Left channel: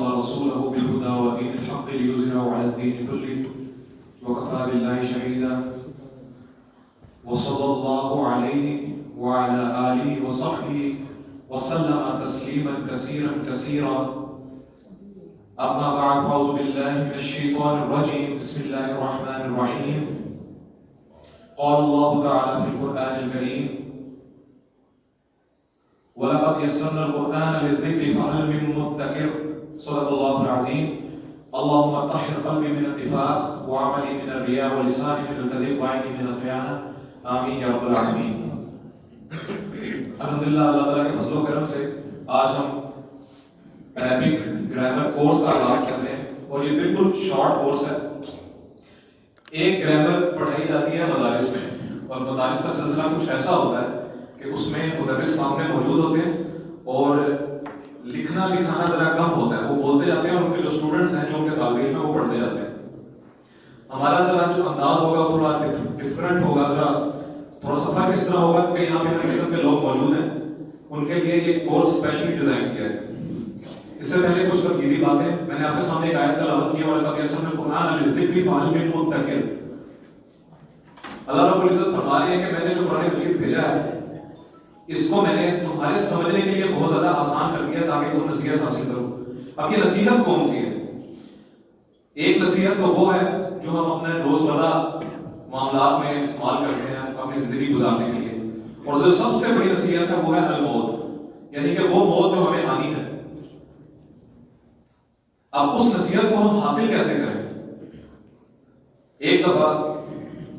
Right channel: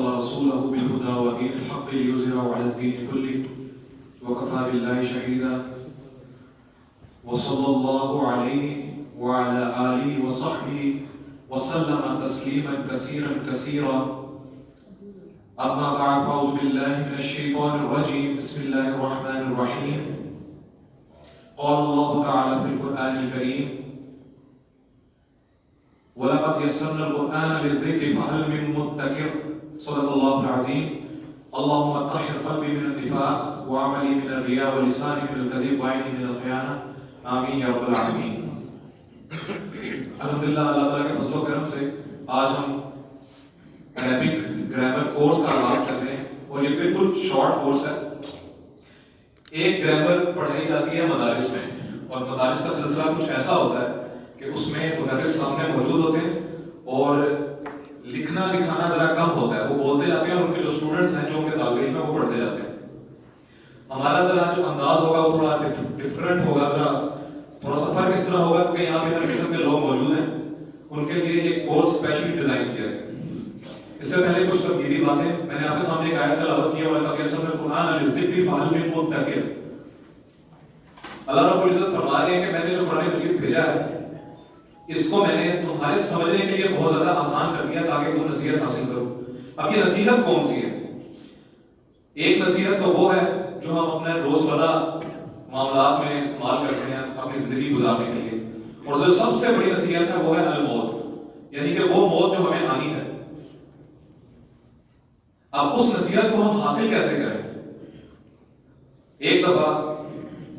ورسوله بالهدى ودين الحق ليظهره على الدين كله وكفى بالله شهيدا وصلى الله عليه وعلى آله وصحبه وسلم تسليما كثيرا كثيرا. أما بعد أعوذ بالله من الشيطان الرجيم. بسم الله الرحمن الرحيم. قال الله تعالى في القرآن الكريم: وَلَقَدْ يَسَّرْنَا الْقُرْآنَ لِلذِّكْرِ فَهَلْ مِن مُّدَّكِرٍ. صدق الله العظيم. اللهم طهر قلبي من النفاق وعملي من الرياء ولساني من الكذب وعيني من الخيانة. آمین یا رب العالمین. الحمدللہ اللہ تعالیٰ کے فضل و کرم سے آج ہم عربک گرامر کورس کا آغاز کرتے ہیں اور یہ بالکل شارٹ کورس ہے. ایک گرامر پڑھائی جاتی ہے مدارس میں اور مدارس کا سلسلہ کچھ ایسا ہوتا ہے کہ اس میں مدرس سامنے موجود ہوتے ہیں اور لکھنا لکھانا ذرا کم ہوتا ہے. وہ بولتے جاتے ہیں اور ان کے جو اسٹوڈنٹس ہیں جو ان کے طالب علم ہیں وہ پڑھتے جاتے ہیں. ہمارا ذرا جو انداز ہوگا وہ تھوڑا ڈفرینٹ ہوگا, تھوڑا سا فرق اس طرح ہوگا کہ یہاں پہ ہر قسم کے لوگ موجود ہیں, ان کے لیے یہ کورس اسپیشلی ڈیزائن کیا ہے. اس سے پہلے کچھ تنقیدی باتیں میں نے آپ کے سامنے ایک آیت تلاوت کی ہے وَلَقَدْ يَسَّرْنَا الْقُرْآنَ لِلذِّكْرِ فَهَلْ مِن مُّدَّكِرٍ. اللہ رب العزت فرما رہے ہیں کہ میں نے جو قرآن مجید بھیجا ہے اس کو میں نے تمہارے سمجھنے کے لیے بہت زیادہ آسان کر دیا تاکہ تم نصیحت حاصل کرو. اب یہ نصیحت کون سی ہے؟ ایک نصیحت تو وہ ہے جو ہم اپنے روزمرہ معاملات میں استعمال کرتے ہیں اپنی زندگی گزارنے کے لیے, اور جو سب سے بڑی نصیحت ہے وہ ہے الموت, یعنی کہ وہ موت جو ہمیں آنی ہے. اب اس نصیحت کو ہم حاصل کیسے کریں؟ ایک دفعہ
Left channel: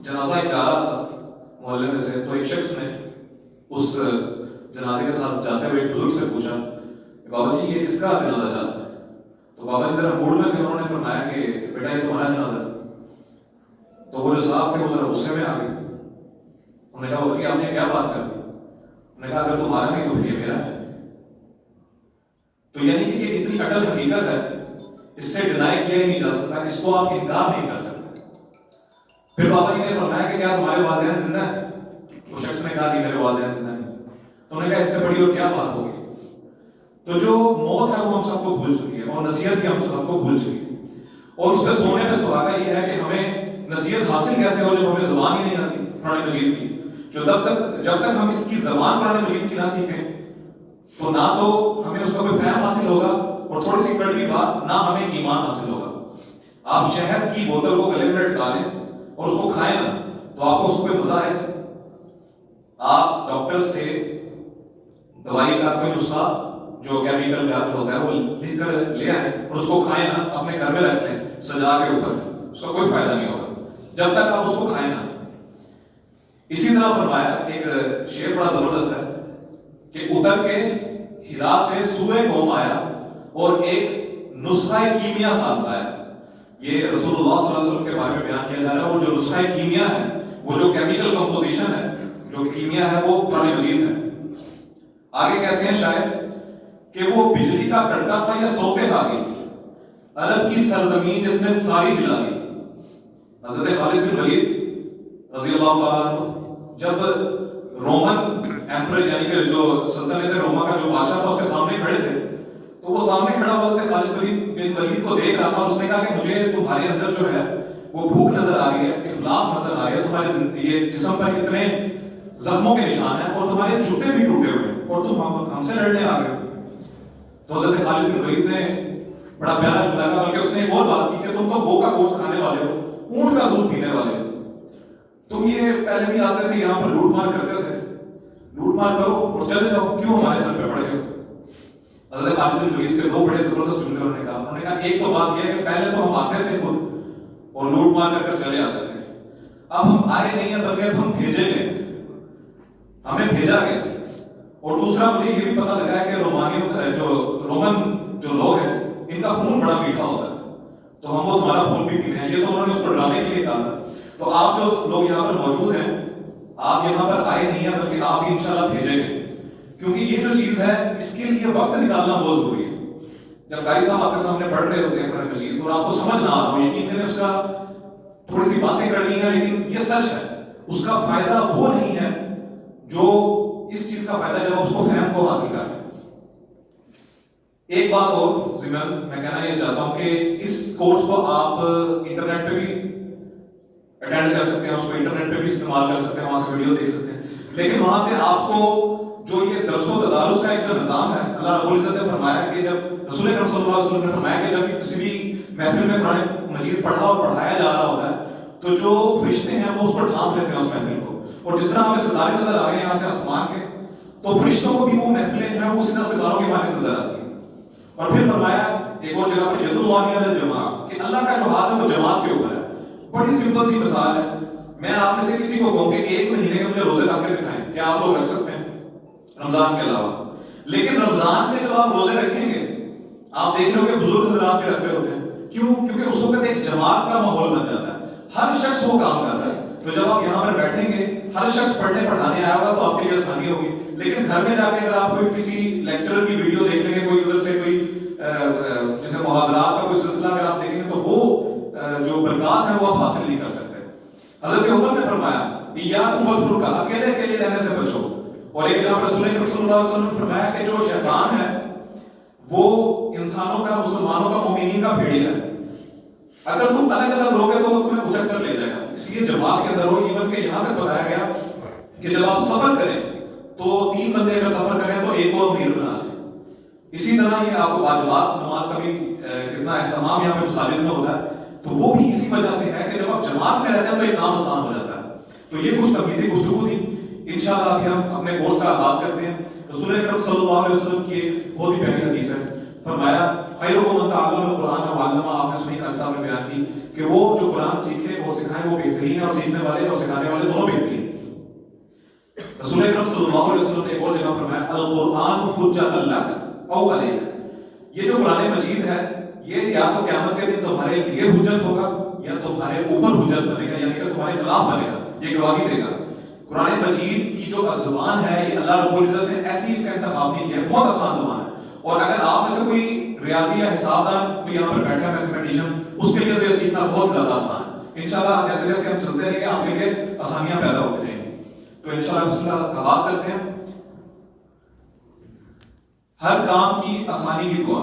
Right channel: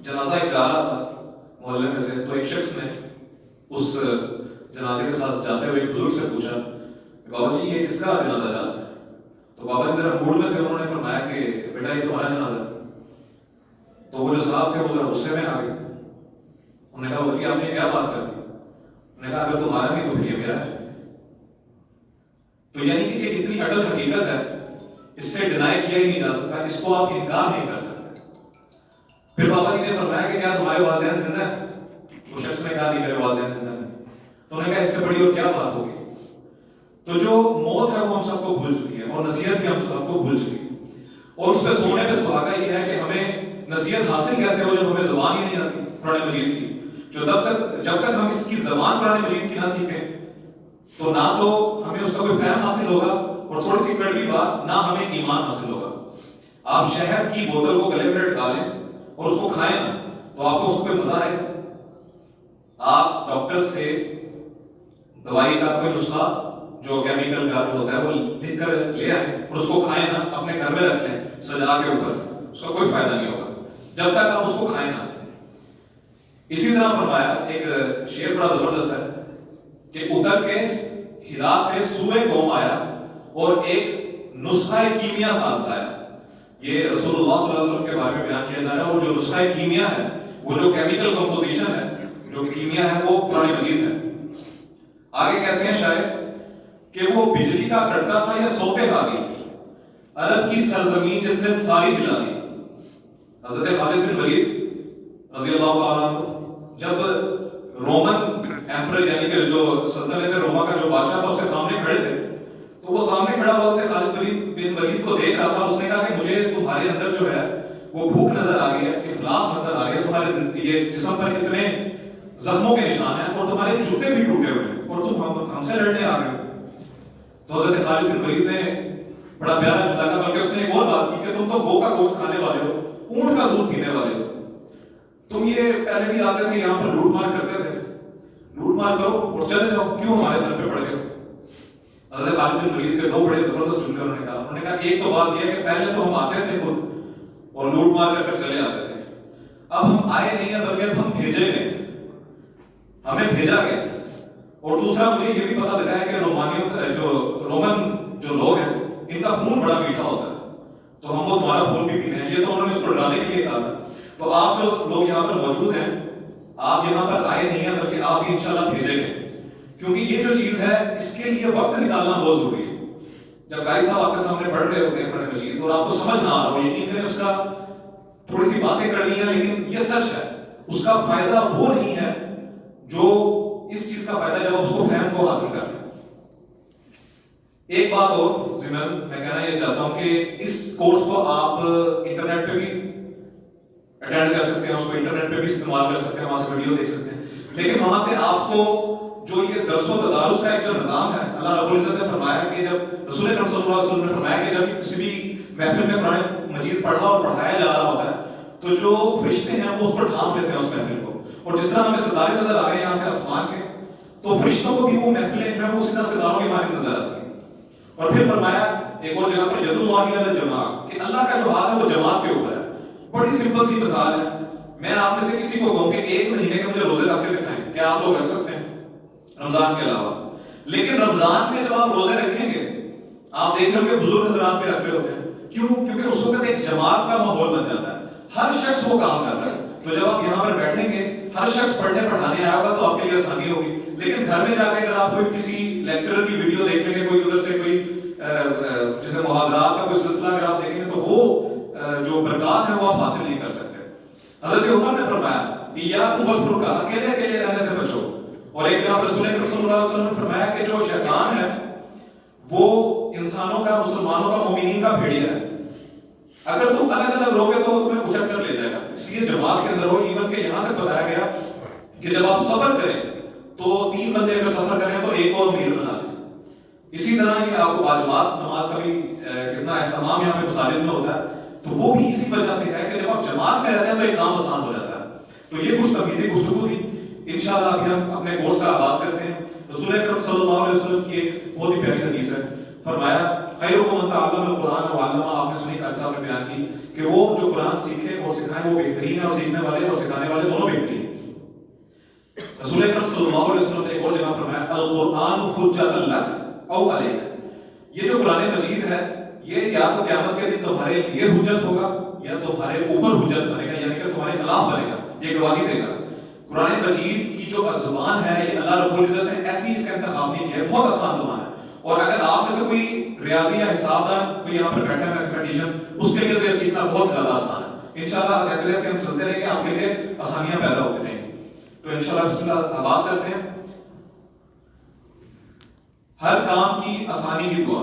جنازہ ایک جا رہا تھا محلے میں سے, تو ایک شخص نے اس جنازے کے ساتھ جاتے ہوئے ایک بزرگ سے پوچھا کہ بابا جی یہ کس کا جنازہ جا رہا ہے؟ تو بابا جی ذرا موڈ میں تھے, انہوں نے فرمایا کہ بیٹا یہ تمہارا جنازہ ہے. تو وہ جو صاحب تھے وہ ذرا غصے میں آ گئے. انہوں نے کہا بابا جی آپ نے کیا بات کر دی؟ انہوں نے کہا اگر تمہارا نہیں تو پھر یہ میرا ہے. تو یعنی کہ یہ اتنی اٹل حقیقت ہے, اس سے ڈینائی کیا ہی نہیں جا سکتا, اس کو آپ انکار نہیں کر سکتے. پھر بابا جی نے فرمایا کہ کیا تمہارے والدین زندہ ہیں؟ وہ شخص نے کہا نہیں میرے والدین زندہ ہیں. تو انہوں نے کہا اس سے بڑی اور کیا بات ہوگی. تو جو موت ہے وہ ہم سب کو بھول چکی ہے اور نصیحت بھی ہم سب کو بھول چکی ہے, اور اس پہ سونے پہ سہاگا یہ ہے کہ ہمیں نصیحت حاصل کیسے ہو جب ہمیں زبان ہی نہیں آتی قرآن مجید کی. جو جب تک ہم اس کی زبان قرآن مجید کی نہ سیکھیں تو نہ تو ہمیں اس کا کوئی فہم حاصل ہوگا, اور تھوڑی سی کڑوی بات, نہ ہمیں ایمان حاصل ہوگا. آپ شہد کی بوتل کو گلے میں لٹکا لیں اور اس کو کھائیں نا تو آپ کو اس کو کوئی مزہ آئے گا؟ آپ ڈاکٹر سے دوائی کا کوئی نسخہ جو کیمیکل کا ہوتا ہے وہ لکھ کر لے آئیں اور اس کو کھائیں نا, اپنے گھر میں رکھ لیں سجا کے اوپر, اس کا کوئی فائدہ نہیں ہوگا جب تک آپ اس کو کھائیں نا. اسی طرح فرمایا, ایک شعر بڑا زبردست ہے کہ اتر کے ہرا سے سورہ قوم آیا اور ایک نسخہ کیمیا ساز آیا. یہ رسول اللہ صلی اللہ علیہ وسلم کے بارے میں بیان کیا جا رہا ہے. وہ جو نسخہ کیمیا ہے, وہ جو کیمیکل کمپوزیشن ہے, جو کیمیا ہے, وہ قرآن مجید ہے. آگے کہتے ہیں شاید کہ وہ بجلی کا کڑکا تھا یا سوتے حالی, عرب کی سرزمین جس نے ساری ہلا دی. حضرت خالد بن ولید رضی اللہ تعالیٰ عنہ جب رومن ایمپرر یعنی کہ جو سلطنت روما کا جو بادشاہ تھا اس کے سامنے کھڑے تھے, تو وہ سامنے کھڑا ہوا حضرت خالد بن ولید کو دیکھ رہا تھا. اس نے کہا کہ مجھے تمہارے اندر جو ہے وہ بھوک نظر آ رہی ہے, افلاس نظر آ رہی ہے, تمہارے یہ جسم پر اتنے زخموں کے نشان ہیں اور تمہارے جوتے بھی ٹوٹے ہوئے ہیں اور تم ہم سے لڑنے آ گئے. تو حضرت خالد بن ولید نے بڑا پیارا لگا, بلکہ اس نے ایک اور بات کی کہ تم تو گو کا گوشت کھانے والے ہو, اونٹ کا دودھ پینے والے ہو. تم یہ پہلے بھی آتے تھے یہاں پر لوٹ مار کرتے تھے, لوٹ مار کرو اور چلے جاؤ, کیوں ہمارے سر پہ پڑے. حضرت خالد بن ولید کے دو بڑے زبردست جملے انہوں نے کہا ایک تو بات یہ ہے کہ پہلے تو ہم آتے تھے خود اور لوٹ مار کر چلے جاتے تھے, اب ہم آئے نہیں ہیں بلکہ ہم بھیجے گئے, ہمیں بھیجا گیا. اور دوسرا مجھے یہ بھی پتا لگا ہے کہ رومن جو لوگ ہیں ان کا خون بڑا میٹھا ہوتا ہے, تو ہم وہ تمہارا خون بھی پینے ہیں. یہ تو انہوں نے اس کو ڈرانے کے لیے کہا. تو آپ جو لوگ یہاں پر موجود ہیں, آپ یہاں پر آئے نہیں ہیں بلکہ آپ بھی انشاءاللہ بھیجیں گے, کیونکہ یہ جو چیز ہے اس کے لیے وقت نکالنا بہت ضروری ہے. جب قاری صاحب آپ کے سامنے پڑھ رہے ہوتے ہیں قرآن مجید اور آپ کو سمجھ نہ آ رہا ہو, یقین کریں اس کا تھوڑی سی باتیں کرنی ہیں لیکن یہ سچ ہے, اس کا فائدہ وہ نہیں ہے جو اس چیز کا فائدہ جب اس کو فہم کو حاصل کریں. ایک بات اور سمل میں کہنا یہ چاہتا ہوں کہ اس کورس کو آپ انٹرنیٹ پہ بھی اٹینڈ کر سکتے ہیں، اس کو انٹرنیٹ پہ بھی استعمال کر سکتے ہیں، وہاں سے ویڈیو دیکھ سکتے ہیں، لیکن وہاں سے آپ کو جو یہ درس و تدارس کا ایک جو نظام ہے، اللہ رب العزت نے فرمایا کہ جب رسول اکرم صلی اللہ علیہ وسلم نے فرمایا کہ جب کسی بھی محفل میں قرآن مجید پڑھا اور پڑھایا جا رہا ہوتا ہے تو جو فرشتے ہیں وہ اس پر تھام لیتے ہیں اس محفل کو، اور جس طرح ہمیں ستارے نظر آ رہے ہیں یہاں سے آسمان کے، تو فرشتوں کو بھی وہ محفلیں جو ہیں وہ اسی طرح ستاروں کے مانند نظر آتی ہیں۔ اور پھر فرمایا ایک اور جگہ پہ ید اللہ علی الجماع، کہ اللہ کا جو ہاتھ ہے وہ جماعت کے اوپر ہے۔ بڑی سمپل سی مثال ہے، میں آپ میں سے کسی کو کہوں کہ ایک مہینے کے مجھے روزے رکھ کے دکھائیں، کیا آپ لوگ رکھ سکتے ہیں رمضان کے علاوہ؟ لیکن رمضان میں جب آپ روزے رکھیں گے آپ دیکھ رہے ہو کہ بزرگ حضرات بھی رکھ رہے ہوتے ہیں، کیوں؟ کیونکہ اس وقت ایک جماعت کا ماحول بن جاتا ہے، ہر شخص وہ کام کرتا ہے۔ تو جب آپ یہاں پر بیٹھیں گے ہر شخص پڑھنے پڑھانے آیا ہوگا تو آپ کے لیے آسانی ہوگی، لیکن گھر میں جا کے اگر آپ کوئی کسی لیکچرر کی ویڈیو دیکھ لیں گے، کوئی ادھر سے کوئی جیسے محاضرات کا کوئی سلسلہ اگر آپ دیکھیں گے تو وہ جو برکات ہیں وہ آپ حاصل نہیں کر سکتے۔ حضرت عمر نے فرمایا ایاکم والفرقہ، اکیلے اکیلے رہنے سے بچو، اور ایک جگہ رسول اللہ صلی اللہ علیہ وسلم نے فرمایا کہ جو شیطان ہے وہ انسانوں کا، مسلمانوں کا، مومنین کا بھیڑیا ہے، اگر تم الگ الگ رہوگے تو وہ تمہیں اچک کر لے جائے گا، اس لیے جماعت کے اندر ہو۔ ایون کہ یہاں تک بتایا گیا کہ جب آپ سفر کریں تو 3 بندے اگر سفر کریں تو ایک اور امیر بنا لیں۔ اسی طرح یہ آپ کو واجبات نماز کا بھی کتنا اہتمام یہاں پہ مساجد میں ہوتا ہے، تو وہ بھی اسی وجہ سے ہے کہ جب آپ جماعت میں رہتے ہیں تو ایک کام آسان ہو جاتا ہے۔ تو یہ کچھ تمہیدی گفتگو تھی، انشاءاللہ ابھی ہم اپنے کورس کا آغاز کرتے ہیں۔ رسول اکرم صلی اللہ علیہ وسلم کی ایک بہت ہی پیاری حدیث ہے، فرمایا خیرکم من تعلم القرآن وعلمہ، آپ نے سنی قاری صاحب نے بیان کی کہ وہ جو قرآن سیکھے اور سکھائے وہ بہترین ہے، اور سیکھنے والے اور سکھانے والے دونوں بہترین۔ رسول اکرم صلی اللہ علیہ وسلم نے ایک اور جگہ فرمایا القرآن حجۃ لک او علیک، یہ جو قرآن مجید ہے یہ یا تو قیامت کے دن تمہارے لیے حجت ہوگا یا تمہارے اوپر حجت بنے گا، یعنی کہ تمہارے خلاف بنے گا، یہ گواہی دے گا۔ قرآن مجید کی جو زبان ہے یہ اللہ رب العزت نے ایسی اس کا انتخاب نہیں کیا، بہت آسان زبان ہے، اور اگر آپ میں سے کوئی ریاضی یا حساب دان کوئی یہاں پر بیٹھا ہے میتھمیٹیشین، اس کے لیے تو یہ سیکھنا بہت زیادہ آسان ہے۔ انشاءاللہ جیسے جیسے ہم چلتے رہیں گے آپ کے لیے آسانیاں پیدا ہوتی رہیں گی۔ تو انشاءاللہ بسم اللہ آغاز کرتے ہیں۔ ہر کام کی آسانی کی دعا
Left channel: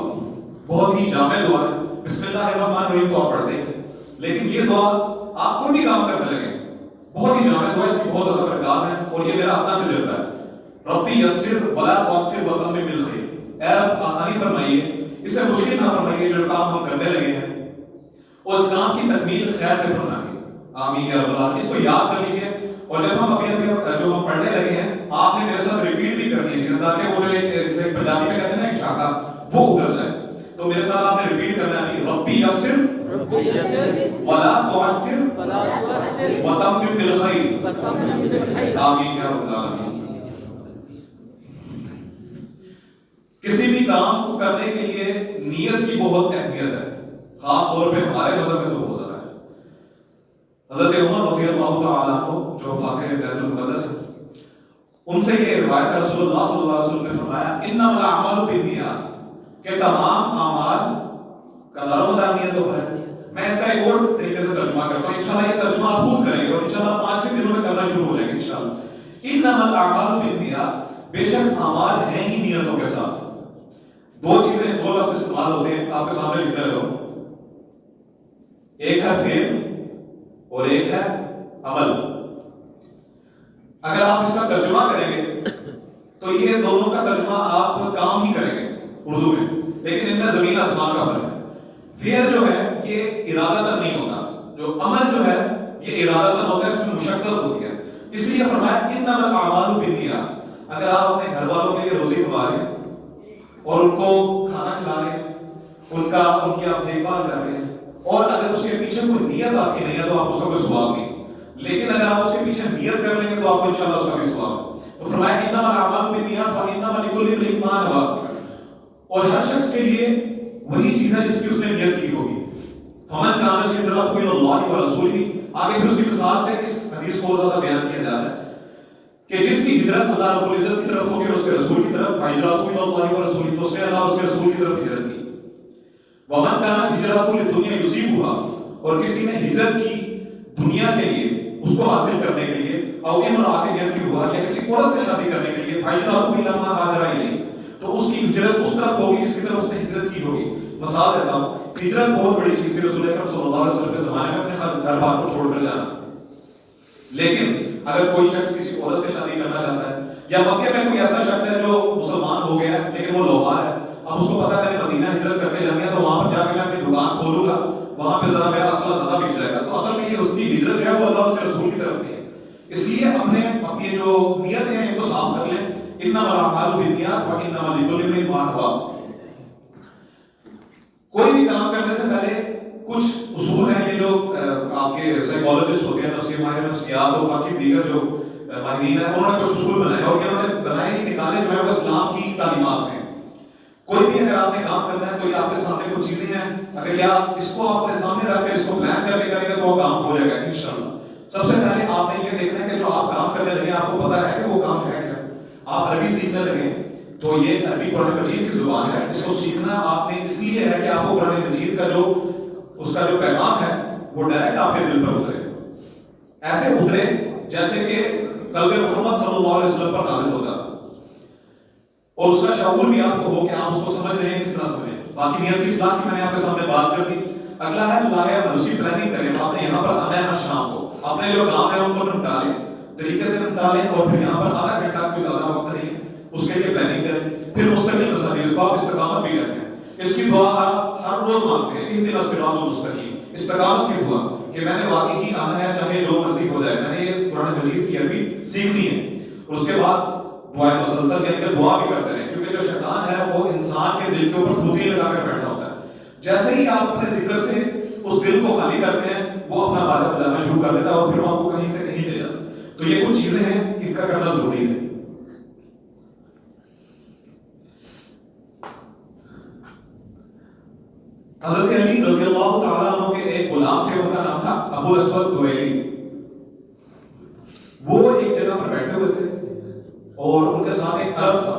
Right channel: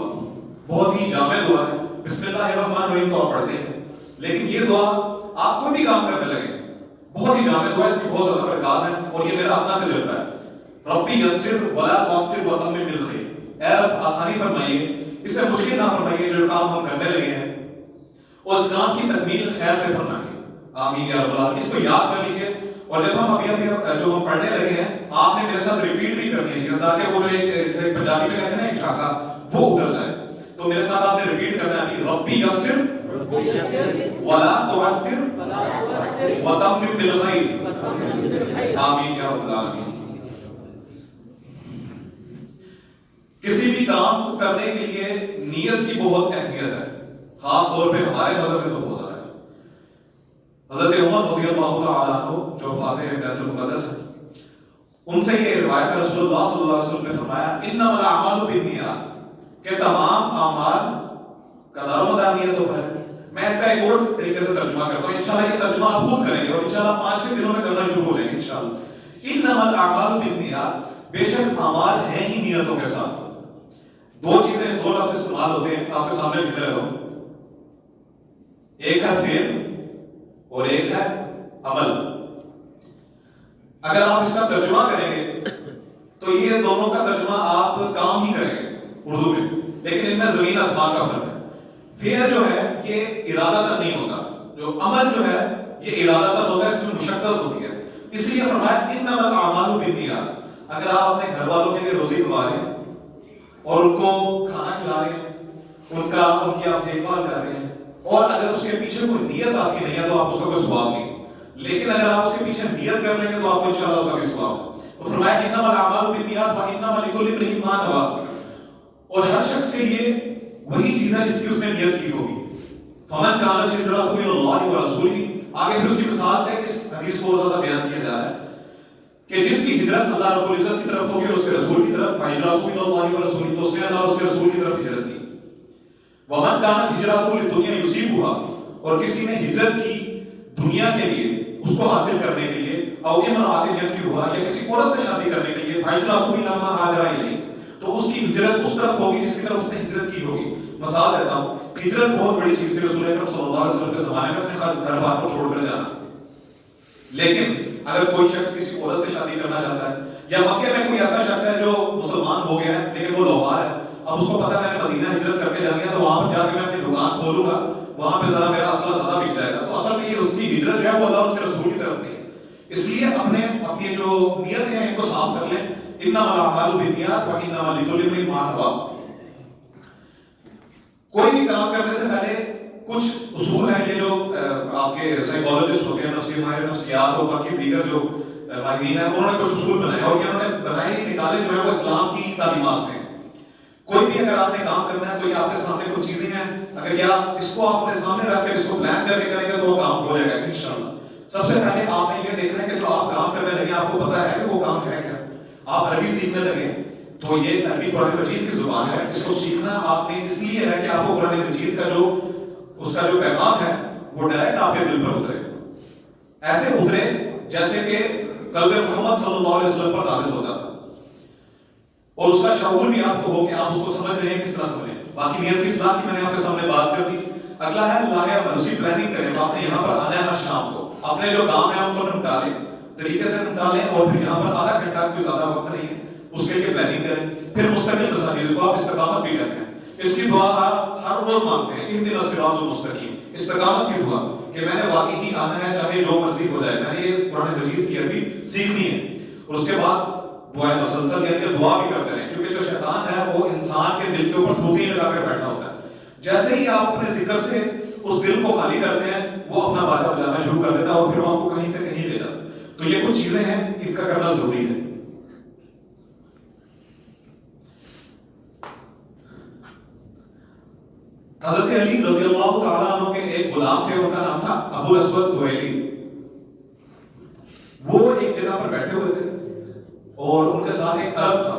بہت ہی جامع دعا ہے، بسم اللہ الرحمن الرحیم تو آپ پڑھتے ہیں، لیکن یہ دعا آپ کوئی بھی کام کرنے لگے بہت ہی جامع دعا ہے، اس کی بہت زیادہ برکات ہے، اور یہ میرا اپنا تجربہ ہے۔ ربی یسر ولا تعسر وتمم بالخیر، اے رب آسانی فرمائیے، اسے مشکل نہ فرمائیے جو کام ہم کرنے لگے ہیں، اور اس کام کی تکمیل خیر سے فرمائیے، آمین یا رب العالمین۔ اس کو یاد کر لیجیے، اور جب ہم ابھی جو ہم پڑھنے لگے ہیں آپ نے میرے ساتھ ریپیٹ بھی کرنی ہے تاکہ وہ جو جیسے پنجابی میں کہتے ہیں نا ایک جھاکا وہ اتر جائے، تو میرے ساتھ آپ نے ریپیٹ کرنا ہے ربی یسر ولا تعسر وتمم بالخیر، آمین یا رب العالمین۔ کسی بھی کام کو کرنے کے لیے نیت کی بہت اہمیت ہے، خاص طور پہ ہمارے مذہب میں تو بہت زیادہ ہے۔ حضرت عمر رضی اللہ تعالیٰ عنہ جو فاتح بیت المقدس ہیں، ان سے یہ روایت رسول اللہ صلی اللہ علیہ وسلم نے فرمایا انما الاعمال بالنیات، کہ تمام اعمال کا دار و مدار نیتوں پر ہے۔ میں اس کا ایک اور طریقے سے ترجمہ کرتا ہوں، انشاءاللہ یہ ترجمہ آپ خود کریں گے اور انشاءاللہ 5-6 دنوں میں کرنا شروع ہو جائیں گے انشاءاللہ۔ انما الاعمال بالنیات، بے شک اعمال ہیں ہی نیتوں کے ساتھ۔ دو چیزیں، دو لفظ استعمال ہوتے ہیں، آپ کے سامنے لکھ رہے ہو، ایک ہے فعل اور ایک ہے عمل۔ اگر آپ اس کا ترجمہ کریں گے تو یہ دونوں کا ترجمہ آپ کام ہی کریں گے اردو میں، لیکن ان میں زمین آسمان کا فرق ہے۔ فعل جو ہے یہ ارادتاً نہیں ہوتا، جو عمل جو ہے یہ ارادتاً ہوتا ہے، اس میں مشقت ہوتی ہے، اس لیے فرمایا انما الاعمال بالنیات۔ اگر آپ اپنے گھر والوں کے لیے روزی کما رہے ہیں اور ان کو کھانا کھلا رہے ہیں، ان کی آپ دیکھ بھال کر رہے ہیں، اور اگر اس کے پیچھے کوئی نیت آپ کی نہیں ہے تو آپ اس کا کوئی ثواب نہیں، لیکن اگر آپ اس کے پیچھے نیت کر لیں گے تو آپ کو انشاءاللہ اس کا بھی ثواب ہے۔ تو فرمایا انما الاعمال بالنیات وانما لکل امرئ ما نوى، اور ہر شخص کے لیے وہی چیز ہے جس کی اس نے نیت کی ہوگی۔ فمن كانت هجرته الى الله ورسوله، آگے پھر اس کی مثال سے اس حدیث کو زیادہ بیان کیا جا رہا ہے کہ جس کی ہجرت اللہ رب العزت کی طرف ہوگی اور اس کے رسول کی طرف، فہجرته الى الله ورسوله، تو اس نے اللہ اور اس کے رسول کی طرف ہجرت کی۔ ومن كانت هجرته للدنيا يصيبها، اور کسی نے ہجرت کی دنیا کے لیے، اس کو حاصل کرنے کے لیے، او امرأة ينكحها، یا کسی عورت سے شادی کرنے کے لیے، فہجرته الى ما هاجر الیہ، تو اس کی ہجرت اس طرف ہوگی جس کی طرف اس نے ہجرت کی ہوگی۔ مثال دیتا ہوں، ہجرت بہت بڑی چیز تھی رسول اکرم صلی اللہ علیہ وسلم کے زمانے میں، اپنے گھر بار کو چھوڑ کر جانا. لیکن اگر کوئی شخص کسی عورت سے شادی کرنا چاہتا ہے، یا مکے میں کوئی ایسا شخص ہے جو مسلمان ہو گیا ہے لیکن وہ لوہار ہے، اب اس کو پتا ہے میں نے مدینہ ہجرت کرنے جانا ہے تو وہاں پر جا کے میں اپنی دکان کھولوں گا، وہاں پہ ذرا میرا اسلحہ زیادہ بک جائے گا، تو اصل میں یہ اس کی ہجرت جو ہے وہ اللہ اس کے رسول کی طرف نہیں ہے. اس لیے اپنی جو نیتیں ہیں ان کو صاف کر لیں. انما الاعمال بالنیات وانما لکل امرئ ما نوى. کوئی بھی کام کرنے سے پہلے کچھ اصول ہیں، یہ جو آپ کے سائیکالوجسٹ ہوتے ہیں، نفسی ماہر نفسیات اور باقی دیگر جو ماہرین ہیں، انہوں نے کچھ اصول بنائے اور انہوں نے بنائے ہی نکالے جو ہے وہ اسلام کی تعلیمات سے. کوئی بھی اگر آپ نے کام کرنا ہے تو یہ آپ کے سامنے کچھ چیزیں ہیں، اگر یا اس کو آپ نے سامنے رکھ کر اس کو پلان کر کے کریں گے تو وہ کام ہو جائے گا انشاءاللہ. سب سے پہلے آپ نے یہ دیکھنا ہے کہ جو آپ کام کرنے لگے آپ کو پتا ہے کہ وہ کام ہے کیا. آپ عربی سیکھنے لگے تو یہ عربی قرآن مجید کی زبان ہے، اس کو سیکھنا آپ نے اس لیے ہے کہ آپ کو قرآن مجید کا اس کا جو پیغام ہے وہ ڈائریکٹ آپ کے دل پر اترے، ایسے اترے جیسے کہ قلب محمد صلی اللہ علیہ وسلم پر نازل ہوتا، اور اس کا شعور بھی آپ کو ہو کہ آپ اس کو سمجھ رہے ہیں کس طرح سمجھیں. باقی نیت کی اصلاح کی میں نے آپ کے سامنے بات کر دی. اگلا ہے لایا منصوبی پلاننگ کریں. آپ نے یہاں پر آنا ہے ہر شام کو، آپ نے جو کام ہے ان کو نپٹالیں، طریقے سے نپٹالیں، اور پھر یہاں پر آدھا گھنٹہ کوئی زیادہ وقت نہیں ہے اس کے لیے پلاننگ کریں. پھر مستقل مساجد کو آپ استقامت بھی کرتے ہیں. اس کی دعا آپ ہر روز مانگتے ہیں، اہدنا الصراط المستقیم، استقامت کی دعا کہ میں نے واقعی آنا ہے چاہے جو مرضی ہو جائے، میں نے یہ قرآن مجید کی عربی سیکھنی ہے. اور اس کے بعد دعائیں مسلسل یعنی کہ دعا بھی کرتے رہیں، کیونکہ جو شیطان ہے وہ انسان کے دل کے اوپر تھوتھی لگا کر بیٹھا ہوتا ہے. جیسے ہی آپ اپنے ذکر سے اس دل کو خالی کرتے ہیں وہ اپنا باجا بجانا شروع کر دیتا ہے اور پھر وہ آپ کو کہیں سے کہیں لے جاتا ہے. تو یہ کچھ چیزیں ہیں، ان کا کرنا ضروری ہے. حضرت علی رضی اللہ تعالیٰ عنہ کے ایک غلام تھے، ان کا نام تھا ابو الاسود دوئلی. وہ ایک جگہ پر بیٹھے ہوئے تھے اور ان کے ساتھ ایک عرب تھا.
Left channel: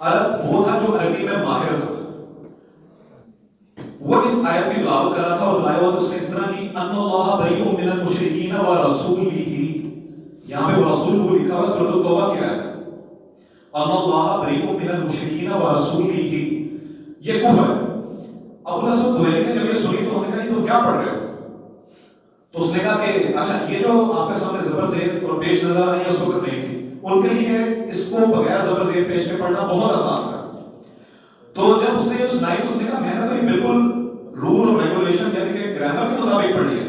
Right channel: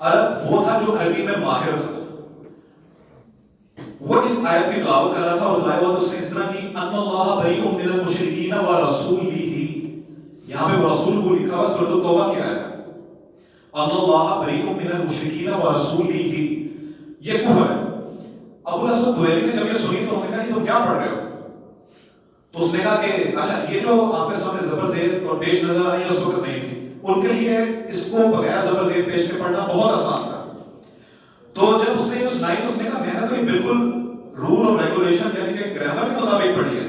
عرب وہ تھا جو عربی میں ماہر تھا. وہ اس آیت کی تلاوت کر رہا تھا اور تلاوت اس نے اس طرح کی، ان اللہ بریء من المشرکین ورسولہ، یہاں پہ ورسولہ لکھا ہوا سورۃ التوبہ کی آیت ہے. ان اللہ بریء من المشرکین ورسولہ، یہ کفر ہے. ابو الاسود دوئلی نے جب یہ سنی تو انہوں نے کہا یہ تو کیا پڑھ رہے ہو؟ تو اس نے کہا کہ اچھا یہ جو آپ کے سامنے زبر زیر اور پیش نظر آ رہی ہے اس وقت نہیں تھی، ان کے لیے اس کو بغیر زبر زیر پیش کے پڑھنا بہت آسان تھا. تو جب اس نے یہ سنائی تو اس نے کہا میں نے تو یہ بالکل رول اور ریگولیشن یعنی کہ گرامر کے مطابق پڑھی ہے.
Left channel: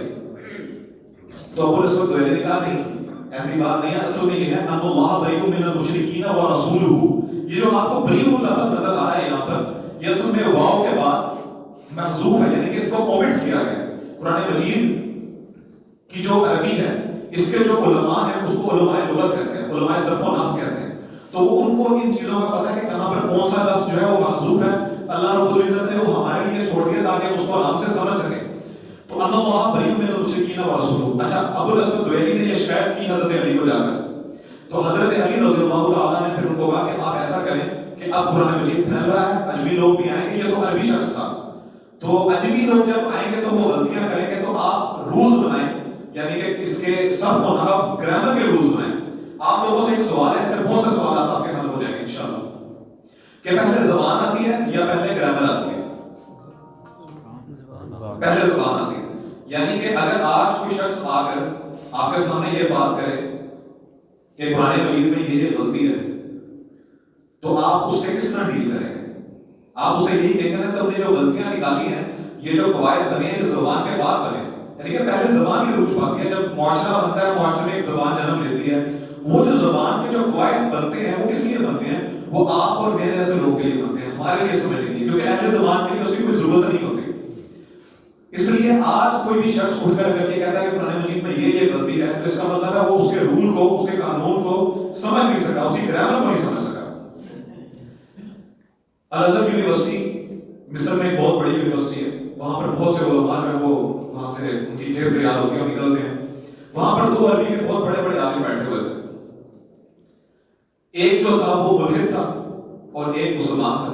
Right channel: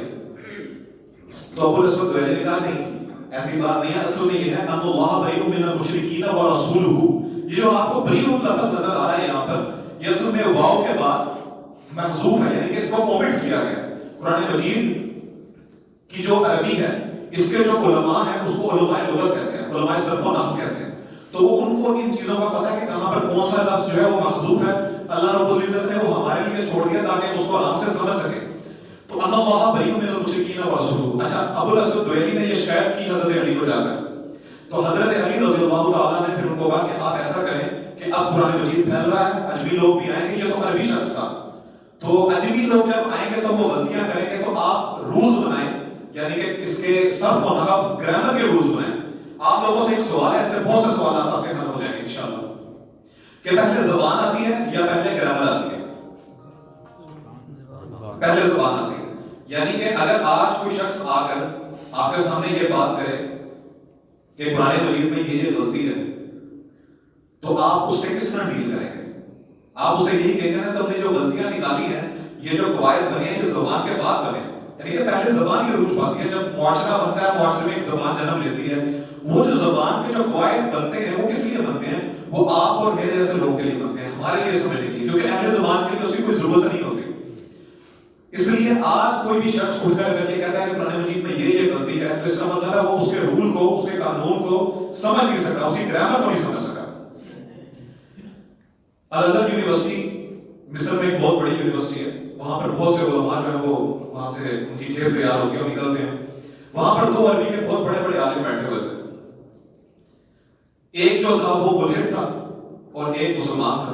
تو ابو الاسود دوئلی نے کہا نہیں ایسی بات نہیں ہے، اصل میں یہ ہے ان اللہ بریء من المشرکین ورسولہ. یہ جو آپ کو بریء لفظ نظر آ رہا ہے یہاں پر، یہ اصل میں واو کے بعد محذوف ہے، یعنی کہ اس کو اومٹ کیا گیا. قرآن مجید کی جو عربی ہے اس کے جو علماء ہیں اس کو علماء لغت کہتے ہیں، علماء صرف و نحو کہتے ہیں. تو وہ ان کو ان چیزوں کا پتہ ہے کہ کہاں پر کون سا لفظ جو ہے وہ محذوف ہے. اللہ رب العزت نے وہ ہمارے لیے چھوڑ دیا تاکہ اس کو آرام سے سمجھ سکیں. تو ان اللہ بریء من المشرکین ورسولہ. اچھا ابو الاسود دوئلی نے یہ شکایت کی حضرت علی کو جا کر، تو حضرت علی رضی اللہ تعالیٰ نے پھر ان کو کہا کہ آپ ایسا کریں کہ اب قرآن مجید پھیل رہا ہے، اجمی لوگ بھی آئیں گے، یہ تو عربی شخص تھا، تو اجمی لوگ جب آئیں گے تو وہ غلطیاں کریں گے، تو آپ رولز بنائیں، یعنی کہ اس کے صرف و نحو گرامر کے رولز بنائیں. آپ لوگوں سے ایک سوال ہے، اس سے بہت سے سوالات آپ کے حل ہو جائیں گے انشاءاللہ، کہ پہلے زبان آتی ہے یا پہلے گرامر آتی ہے؟ پہلے زبان آتی ہے. یعنی کہ اگر آج کوئی شخص آ کر آپ کے سامنے یہ بات کرے کہ قرآن مجید میں یہ غلطی ہے، تو آپ اس سے کس طرح ڈیل کریں گے؟ آپ اسے یہی کہیں گے تم نے جو غلطیاں نکالی ہیں، یہ جو قواعد بنے ہیں یہ زبان کے بعد بنے، یعنی کہ پہلے زبان کی روچ پاتی ہے. جب معاشرہ بنتا ہے معاشرے میں ایک زبان جنم لیتی ہے، وہ جو زبان کے جو قواعد بنتے ہیں وہ کس لیے بنتے ہیں؟ وہ آپ اور میرے جیسے لوگوں کے لیے بنتے ہیں، ہمارے لیے سمجھنے کے لیے، کیونکہ اہل زبان کے لیے اس کی کوئی ضرورت نہیں ہوتی. اس لیے آج کوئی بھی شخص اٹھ کر اگر یہ کہتا ہے کہ قرآن مجید میں یہ غلطی ہے، تو اس کا مطلب ہے وہ اس کے رول کو، اس کے قانون کو سمجھ نہیں سکا، اس کی گرامر کو نہیں سمجھ سکا. الازہر یونیورسٹی مصر میں ایک بہت بڑی یونیورسٹی ہے، وہاں پر بہت سے علماء جو ہیں وہ وہاں سے ان کی کھیپ تیار ہوتی ہے اور نکلتے ہیں. وہاں پر دو عربی کے بہت بڑے بڑے عالم بیٹھے ہوئے تھے. ایک جو تھا وہ ملحد تھا اور ایک مسلمان تھا.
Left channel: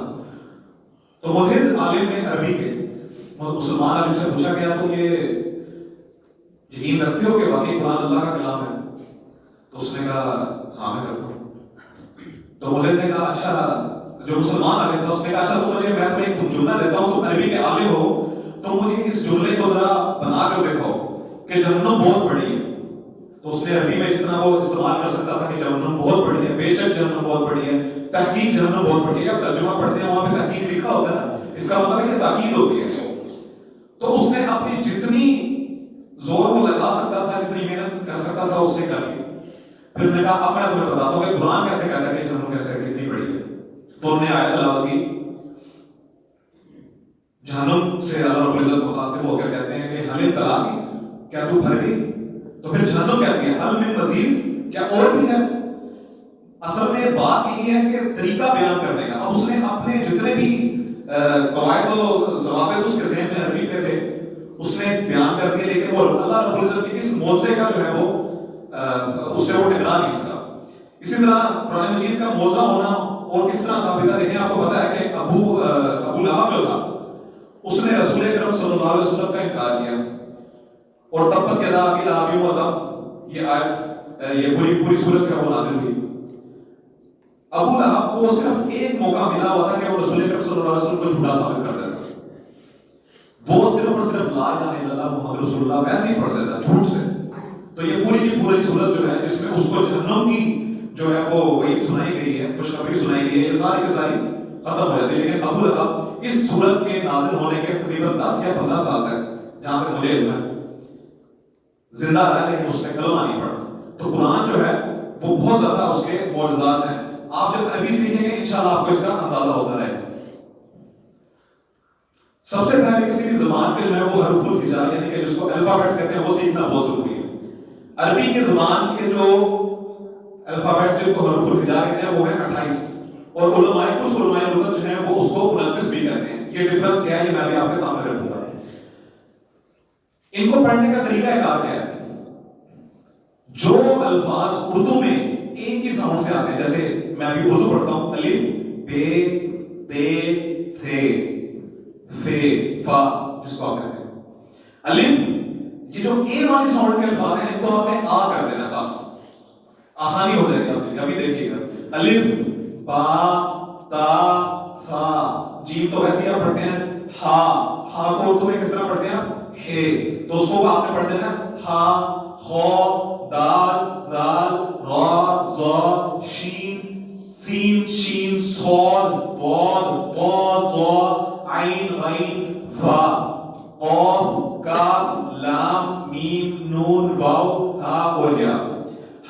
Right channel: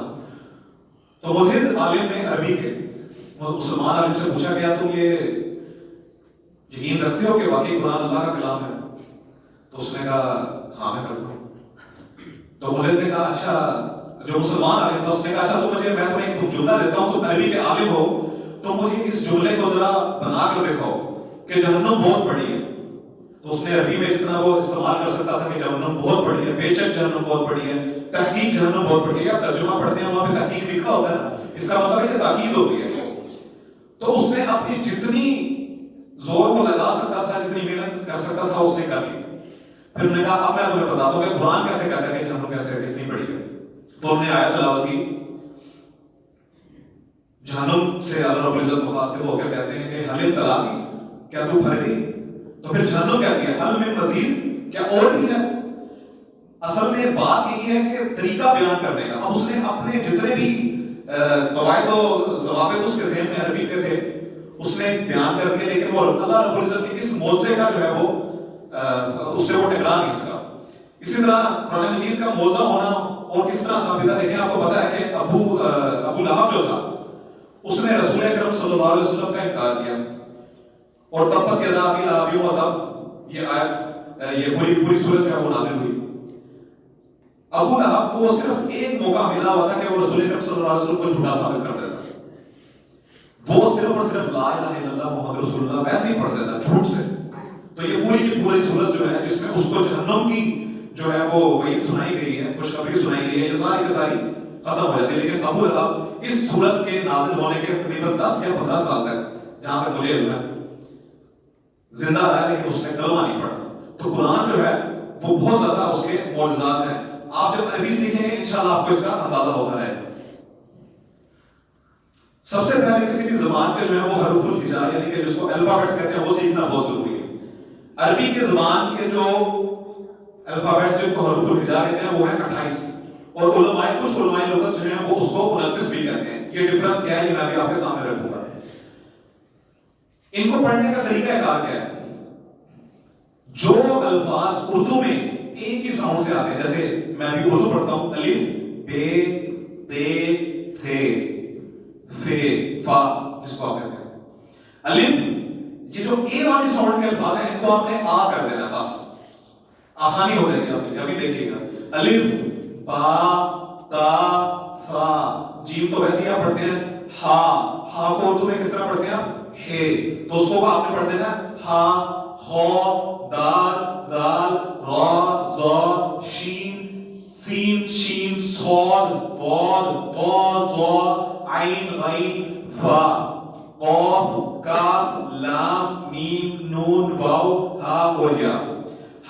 تو ملحد عالم نے عربی کے مسلمان عالم سے پوچھا گیا تم یہ یقین رکھتے ہو کہ واقعی قرآن اللہ کا کلام ہے؟ تو اس نے کہا ہاں میں کرتا ہوں. تو ملحد نے کہا اچھا جو مسلمان عالم تھا، اس نے کہا اچھا تو مجھے میں تمہیں ایک جملہ دیتا ہوں، تم عربی کے عالم ہو تو مجھے اس جملے کو ذرا بنا کر دکھاؤ کہ جہنم بہت بڑی ہے. تو اس نے عربی میں جتنا وہ استعمال کر سکتا تھا کہ جہنم بہت بڑی ہے، بے شک جہنم بہت بڑی ہے، تحقیق جہنم بہت بڑی ہے. یا ترجمہ پڑھتے ہیں وہاں پہ تحقیق لکھا ہوتا ہے نا، اس کا مطلب ہے کہ تاکید ہوتی ہے. تو اس نے اپنی جتنی زور کو لگا سکتا تھا، جتنی محنت کر سکتا تھا اس نے کر لی. پھر انہوں نے کہا اب میں تمہیں بتاتا ہوں کہ قرآن کیسے کہتا ہے کہ جہنم کیسے اتنی بڑی ہے. تو انہوں نے آیت تلاوت کی. جہنم سے اللہ رب العزت مخاطب ہو کر کہتے ہیں کہ حل طلاقی، کیا تو بھر گئی؟ تو پھر جہنم کہتی ہے حل من مزید، کیا اور بھی ہے؟ اصل میں بات یہی ہے کہ طریقہ بیان کرنے کا. اب اس نے اپنے جتنے بھی قواعد و ضوابط اس کے ذہن میں عربی کے تھے اس نے بیان کر دیے، لیکن وہ اللہ رب العزت کے اس معجزے کا جو ہے وہ اس سے وہ ٹکرا نہیں سکا. اسی طرح قرآن مجید کا معجزہ ہونا اور کس طرح ثابت ہے، دیکھیں آپ کو پتا ہے کہ ابو لہب جو تھا اس نے رسول اکرم صلی اللہ علیہ وسلم کا انکار کیا، اور تبت یدا ابی لہب وتب، یہ آیت یہ پوری سورت ہے وہ نازل ہوئی. ابو لہب کو صرف ایک موقع ملا ہوا تھا کہ وہ رسول اکرم صلی اللہ علیہ وسلم کو جھوٹا ثابت کر دیتا. وہ صرف اور صرف لا الہ الا اللہ محمد رسول اللہ ویسے ہی پڑھ دیتا جھوٹ سے. تو یہ پوری کی پوری سورت جو ہے جس میں اس کو جہنم کی جو ہے وہ وہی سنائی گئی ہے، خوشخبری سنائی گئی ہے، یہ ساری کی ساری ختم ہو جاتی ہے. لیکن ابو لہب اس سورت کے نازل ہونے کے تقریباً 10 یا 15 سال تک جہاں تک مجھے علم ہے زندہ رہا، لیکن اس نے کلمہ نہیں پڑھا. تو قرآن جو ہے وہ بہت زیادہ اس کے معجزات ہیں. آپ جب عربی سیکھیں گے انشاءاللہ آپ کو اس کا اندازہ ہوتا ہے. سب سے پہلے کسی بھی زبان کے جو ہے وہ حروف الہجا یعنی کہ جس کو الفابیٹس کہتے ہیں وہ سیکھنا بہت ضروری ہے. عربی کے زبان کے جو الفابیٹس جن کو حروف الہجا کہتے ہیں وہ ہیں 28، اور علماء کچھ علماء لغت جو ہیں وہ اس کو 29 بھی کہتے ہیں. یہ ڈفرنس کیا ہے یہ میں بھی آپ کے سامنے رکھوں گا. ان کو پڑھنے کا طریقہ کار کیا ہے؟ جو الفاظ اردو میں ایک ہی ساؤنڈ سے آتے ہیں، جیسے میں بھی اردو پڑھتا ہوں الف بے تے تھے فے فا جس کو آپ کہتے ہیں الف، یہ جو اے والی ساؤنڈ کے الفاظ ہیں ان کو آپ نے آ کر دینا، بس آسانی ہو جائے گی. آپ ابھی دیکھیے گا الف با تا فا، جیم تو ویسے ہی آپ پڑھتے ہیں. ہا، ہا کو اردو میں کس طرح پڑھتے ہیں ہے، تو اس کو آپ نے پڑھ دینا ہا خو دال ذال را زا شین سین شین صاد ضاد طا ظا عین غین فا قاف کاف لام میم نون واو ہا اور یا.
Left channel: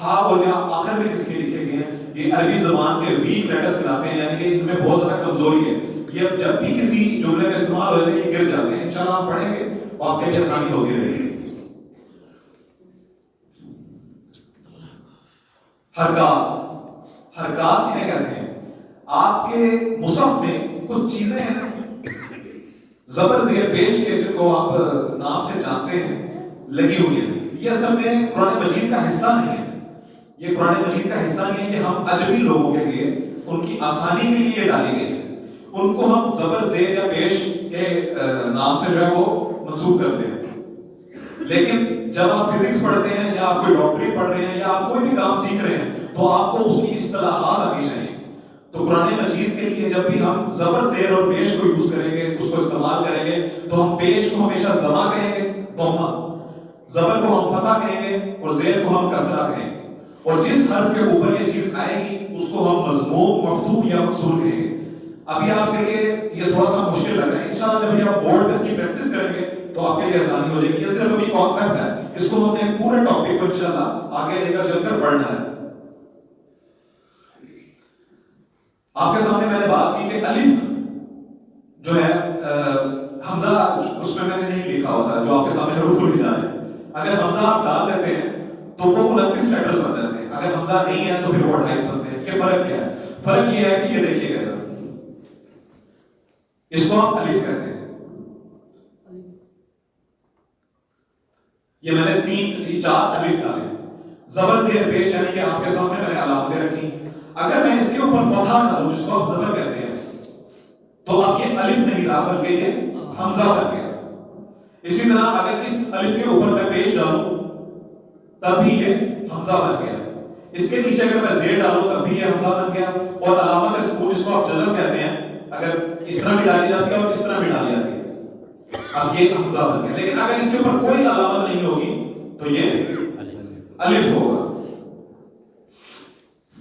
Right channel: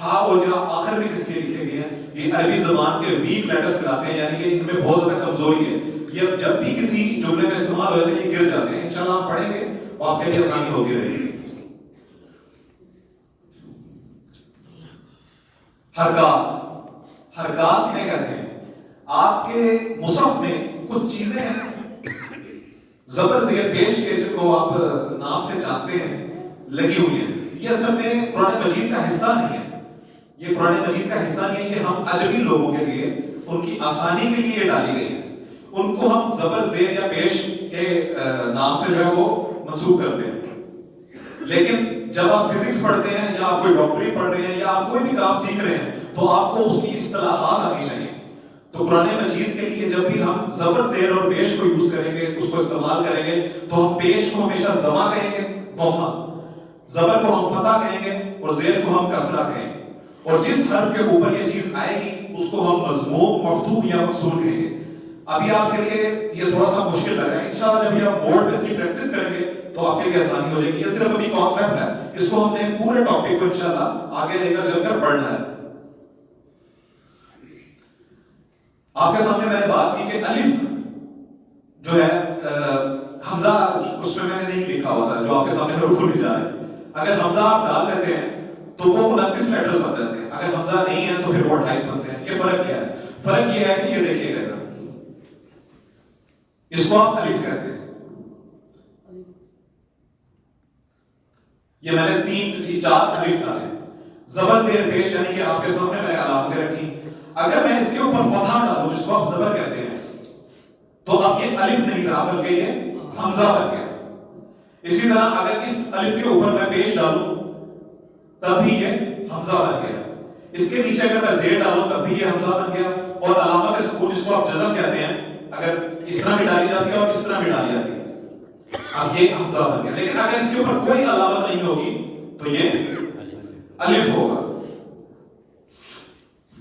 ہا اور یا آخر میں کس کے لکھے گئے ہیں؟ یہ عربی زبان کے ویک لیٹرز کہلاتے ہیں، یعنی کہ ان میں بہت زیادہ کمزوری ہے. یہ جب بھی کسی جملے میں استعمال ہو جاتے ہیں یہ گر جاتے ہیں. انشاءاللہ ہم پڑھیں گے اور آپ کے لیے آسانی ہوتی رہے گی. حرکات، حرکات کیا کہتے ہیں؟ آپ کے مصحف میں کچھ چیزیں ہیں زبر زیر پیش کے جن کو آپ نام سے جانتے ہیں لگی ہوئی ہیں. یہ اصل میں قرآن مجید کا حصہ نہیں ہے، یہ قرآن مجید کا حصہ نہیں ہے. یہ ہم عجمی لوگوں کے لیے ان کی آسانی کے لیے ڈالی گئی ہے. ان کو ہم زبر زیر یا پیش کے نام سے جو ہے وہ منسوب کرتے ہیں. لیکن جب آپ فزکس پڑھتے ہیں یا آپ کوئی ڈاکٹری پڑھ رہے ہیں یا آپ کوئی بھی کام سیکھ رہے ہیں تو آپ کو اس کی اصطلاحات آنی چاہیے. تو قرآن مجید کے لیے جب بھی ہم زبر زیر اور پیش کو یوز کریں گے، اس کو استعمال کریں گے، تو ہم پیش کو ہمیشہ ضمہ کہیں گے ضمہ، زبر کو ہم فتح کہیں گے اور زیر کو ہم کسرہ کہیں گے. اور جس حرف کے اوپر یہ چیز آئے گی اس کو ہم مضموم مفتوح یا مکسور کہیں گے. ابھی آپ کے لیے یہ تھوڑا سا مشکل لگ رہا ہے، انشاءاللہ جب بھی آپ بورڈ پہ اس کی پریکٹس کریں گے تو آپ کے لیے آسانی ہو جائے گی. یہ صرف ابھی کانسیپٹ ہے، اس کو ہم نے پورے ٹاپک کو انشاءاللہ آگے لے کر چل کر پڑھنا ہے. آپ کے سامنے میں نے بات کی کہ الف جو ہے حمزہ اس میں نے نہیں لکھا ہوتا جو آپ کے سامنے حروف الہجا ہے. اگر حمزہ آپ ڈال لیتے ہیں تو وہ 29 لیٹر بن جاتے ہیں، اگر حمزہ نہیں ہے تو پھر وہ 28 بنتے ہیں. یہ فرق کیا ہے؟ فرق یہ ہے کہ یہ دیکھیے گا اس کو آپ الف کہتے ہیں. یہ میں نے 4 الف ڈالے زبر زیر پیش یعنی کہ آپ کے سامنے میں نے علامتیں رکھی. اگر میں اس کے اوپر فتحہ ڈالوں جس کو آپ زبر کہتے ہیں تو اب یہ الف نہیں رہا بلکہ یہ حمزہ بن گیا. اسی طرح اگر اس الف کے اوپر میں پیش ڈالوں تب بھی یہ حمزہ بن گیا. اس کے نیچے اگر میں زیر ڈالوں تب بھی یہ حمزہ بن گیا. اور علامت سکون جس کو آپ جزم کہتے ہیں اگر اس طرح بھی ڈالی جاتی ہے اور اس طرح بھی ڈالی جاتی ہے اب یہ حمزہ بن گیا. لیکن اگر اس کے اوپر کوئی علامت نہیں ہوگی تو یہ الف ہوگا.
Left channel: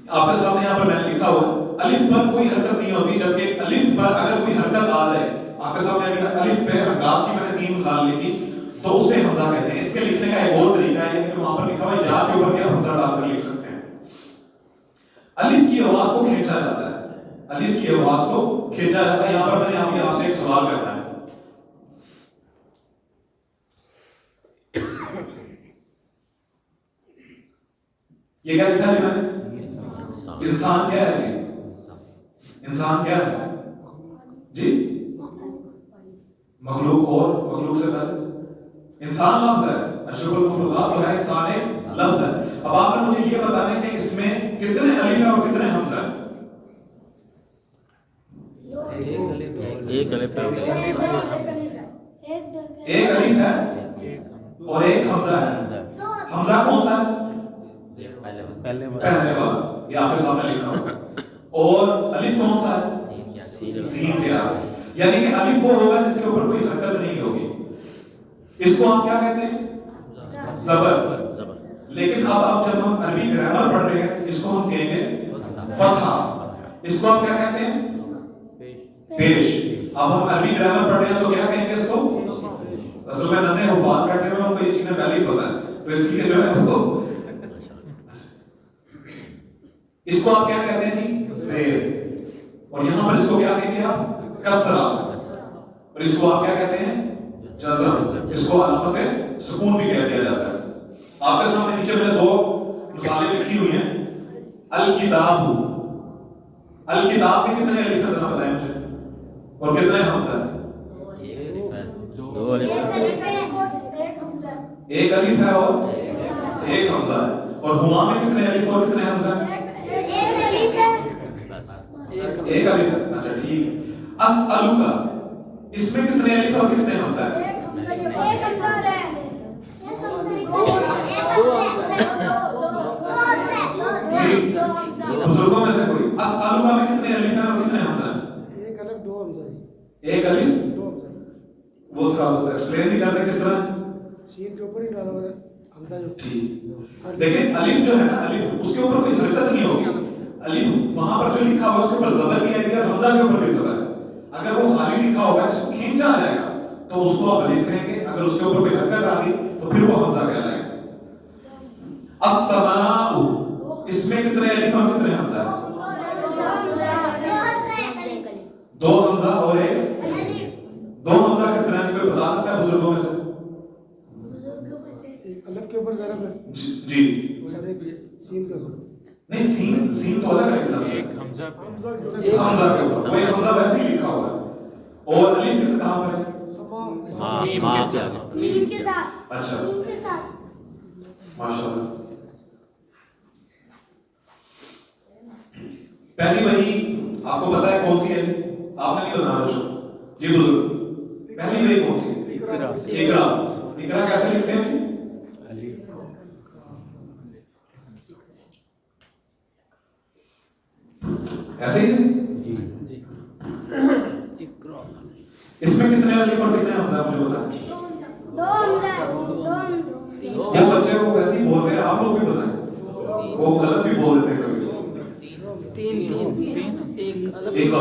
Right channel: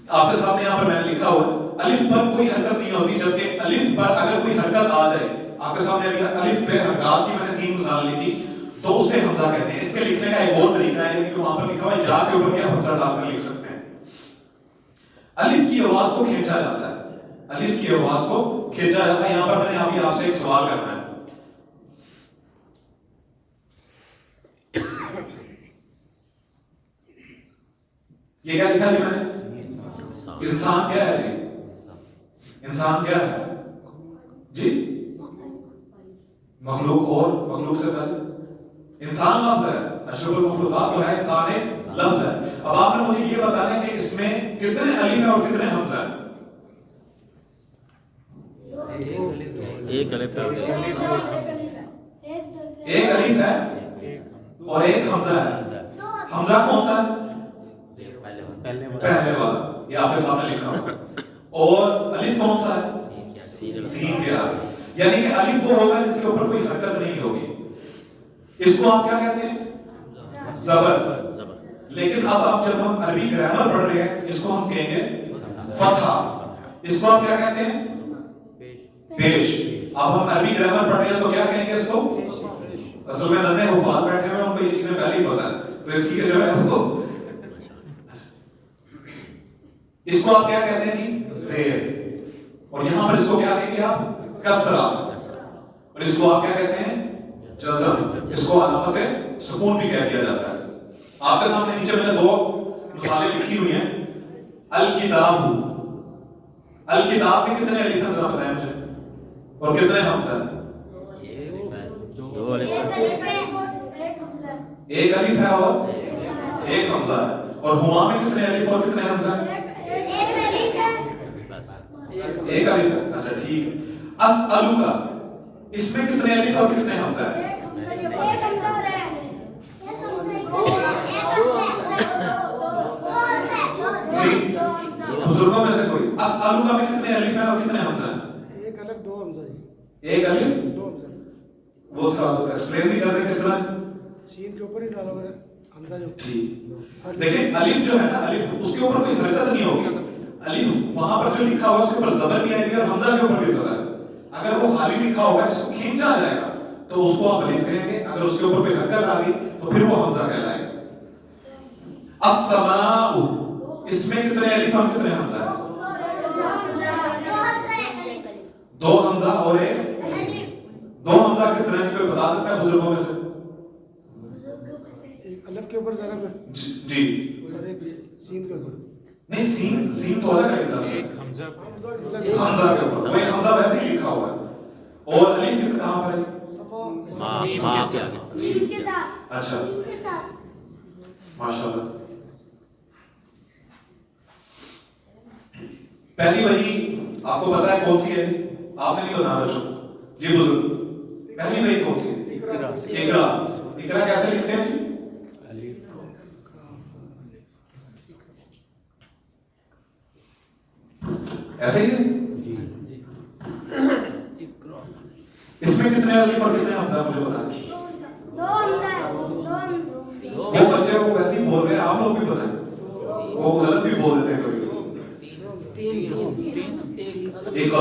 آپ کے سامنے یہاں پر میں نے لکھا ہوا الف پر کوئی حرکت نہیں ہوتی, جبکہ الف پر اگر کوئی حرکت آ جائے, آپ کے سامنے الف پہ حرکات کی میں نے 3 مثال لکھی, تو اسے حمزہ کہتے ہیں. اس کے لکھنے کا ایک اور طریقہ ہے کہ وہاں پر لکھا ہوا ہے یا کے اوپر بھی حمزہ ڈال کر لکھ سکتے ہیں. الف کی آواز کو کھینچا جاتا ہے, الف کی آواز کو کھینچا جاتا ہے. یہاں پر میں نے ابھی آپ سے ایک سوال کرنا ہے. یہ کیا لکھا ہے؟ انسان کیا ہے جی؟ انسان کیا ہے جی؟ مخلوق. اور مخلوق سے پہلے انسان لفظ ہے. اشرف المخلوقات تو ہے, انسان ایک لفظ ہے. اب آپ نے مجھے یہ بتانا ہے کہ اس میں کتنے الف ہیں اور کتنے حمزہ ہیں؟ ایک الف ہے, ایک الف ہے اور ایک حمزہ ہے. حمزہ کون سا ہے؟ پہلے والا, یہ آپ کے سامنے لکھا ہوا. اور الف کون سا ہے؟ سین کے آگے. یعنی کہ الف وہ ہوگا جس کے اوپر کوئی حرکت نہیں ہوگی. اس کو آپ کیا کہتے ہیں؟ زبر. لیکن اب جب ہم عربی گرامر پڑھ رہے ہیں اس کو ہم کہیں گے فتحہ. اس کو آپ کیا کہتے ہیں؟ پیش. اب ہم عربی گرامر پڑھ رہے ہیں تو کیا کہیں گے اس کو؟ اصل میں ننے حفاظ بیٹھے ہوئے ان کو یہ چیزیں پہلے ہی پتہ ہے, تو اس لیے جو ہے اس کو آپ کیا کہتے ہیں جی؟ زیر. اور یہاں پر اس کو کیا کہیں گے آپ؟ کسرہ. اور اس کو آپ کیا کہتے ہیں؟ جزم. اس کو علامت سکون بھی کہہ دیا جاتا ہے. آپ کے سامنے نیچے میں نے 2 مثالیں لکھی ہوئی ہیں. الکتاب. الکتاب میں کتنے الف ہیں ذرا بتائیں مجھے, اور کتنے حمزہ ہیں؟ 2 الف ایک الف ہے اور ایک حمزہ ہے. اور ہما میں کتنے الف اور کتنے حمزہ ہیں؟ ایک الف ہے. اچھا ٹھیک ہے. اسألک, اس میں کتنے الف اور کتنے حمزہ ہیں؟ بزرگوں میں سے کوئی اسألک میں کتنے الف ہیں اور کتنے حمزہ ہیں؟ ایک الف 2 حمزہ. ایک الف 2 حمزہ. وہ تھوڑا ایکسپلین بھی کر دیں کس طرح. سین کے اوپر ہی ڈالا ہوا ہے حمزہ جو. ٹھیک. دیکھیں الف جو ہے نا, الف اس کے اوپر کوئی حرکت نہیں ہوگی. الف وہاں پر جو لکھا ہوا ہے اس کے اوپر زبر بھی ہے اور حمزہ کے اوپر بھی زبر ہے. اگر وہ خالی لکھا ہوگا جس کو کھینچا جائے گا تو اس کو آپ الف کہیں گے. اگر اس کے اوپر کوئی حرکت آ گئی تو پھر وہ حمزہ کہلائے گا. السماء, اس میں کتنے الف اور کتنے حمزہ ہیں؟ 2 حمزہ اور ایک 2 حمزہ. کس طرح کوئی بتا سکتا ہے بزرگوں میں سے؟ ایک الف کے اوپر ضرب ہے جی. اور ایک سین کے اوپر. نہیں, سین تو الگ ہے. ایک حمزہ کے اوپر کوئی حمزہ ویسے ہی لکھا ہوا ہے. اور الف کہاں پر ہے؟ ماں کے آگے. اچھا ماشاءاللہ. پہلی وحی آپ کو پتا ہے کون سی ہے؟ آپ نے نہیں بتانا بچوں. جی بزرگ, پہلی وحی کون سی ہے؟ اقرا. اقرا کیسے لکھتے ہیں؟ ایسے ہی ہے. اس میں کتنے الف اور کتنے حمزہ مجھے بتائیں. 2 وہ بچے کو ویسے ہی بول رہے ہیں, آپ لوگ بھی بتائیں. وہ غلط بھی بول دیتے ہیں کبھی. 3 ایک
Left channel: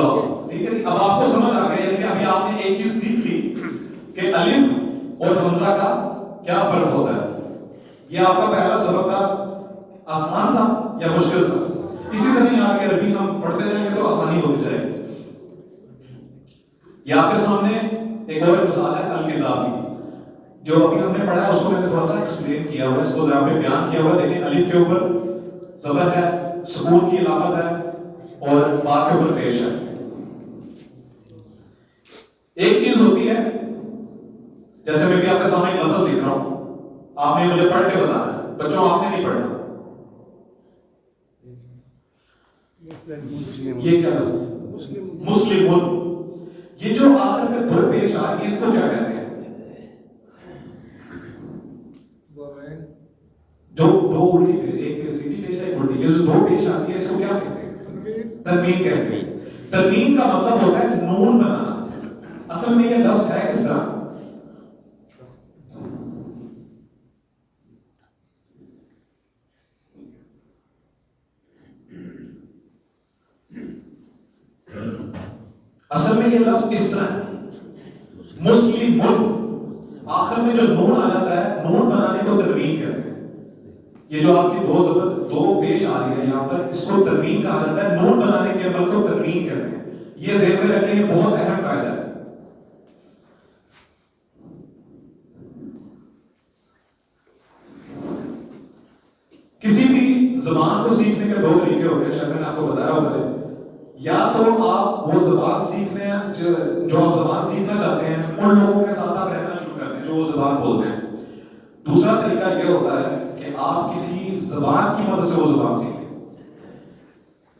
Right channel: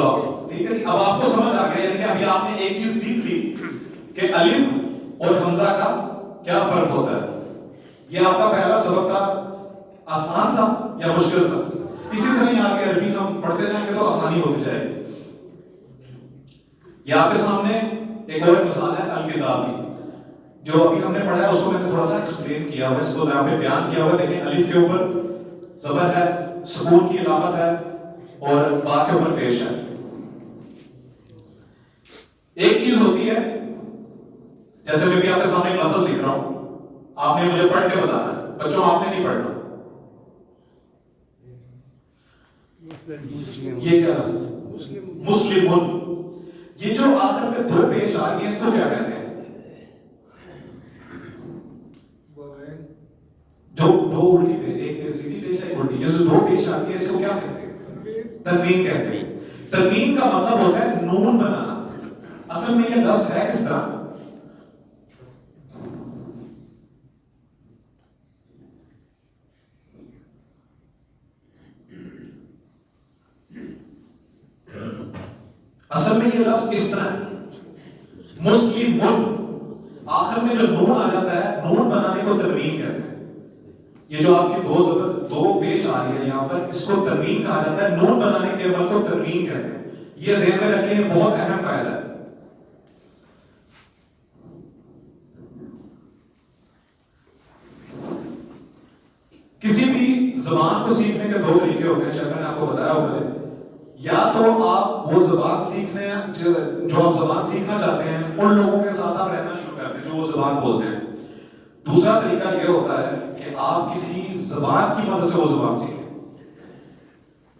ٹھیک ہے. اب آپ کو سمجھ آ گیا, یعنی کہ ابھی آپ نے ایک چیز سیکھ لی کہ الف اور حمزہ کا کیا فرق ہوتا ہے. یہ آپ کا پہلا سبق تھا. آسان تھا یا مشکل تھا؟ اسی طرح یہاں کے عربی ہم پڑھتے جائیں گے تو آسانی ہوتی جائے گی. یہ آپ کے سامنے ایک اور مثال ہے الکتابی. جو ابھی ہم نے پڑھا ہے اس کو میں نے تھوڑا سا ایکسپلین کیا ہوا ہے, اس کو یہاں پہ بیان کیا ہوا ہے. دیکھیں الف کے اوپر زبر ہے, سکون کی علامت ہے, اور با کے اوپر پیش ہے. ایک چیز ہوتی ہے, جیسے میں بھی آپ کے سامنے ایک لفظ لکھ رہا ہوں, آپ نے مجھے پڑھ کے بتانا ہے. بچوں آپ نے نہیں پڑھنا. یہ کیا ہے؟ مسلم. یہ جو آخر میں 2 پیش آ رہی ہے اس کو کیا کہتے ہیں؟ جو 2 الٹی پیش, ایک سیدھی پیش ہے, ایک الٹی. یہ جو 2 پیش آتی ہے اس کو کیا کہتے ہیں؟ تنوین کہتے ہیں. تنوین کا مطلب ہوتا ہے نون بنانا. اصل میں یہ لفظ ہے کس طرح؟ اصل میں یہ لفظ کس طرح ہے؟ مسلم آخر میں جو نون آ جاتا ہے، نون بنانے کو تنوین کہتے ہیں. یہ جو آپ کی دو پیش آ رہی ہے یہاں پر، اس کو تنوین کہا جاتا ہے. نون بنانے کے عمل کو تنوین کہتے ہیں. یہ ذہن میں رکھنے یہ بہت اہم قاعدہ ہے. کسی بھی زبان کو سیکھنے کے دو طریقے ہوتے ہیں، شاید میں نے آپ کو بتایا ہوگا. یا تو آپ وہ زبان سیکھنے جو آپ زبان سیکھنا چاہتے ہیں ان لوگوں کے ساتھ آپ رہنا شروع کر دیں جو وہ زبان بولتے ہیں. دوسرا طریقہ یہ ہوتا ہے کہ آپ کسی زبان کی مدد سے وہ زبان سیکھیں.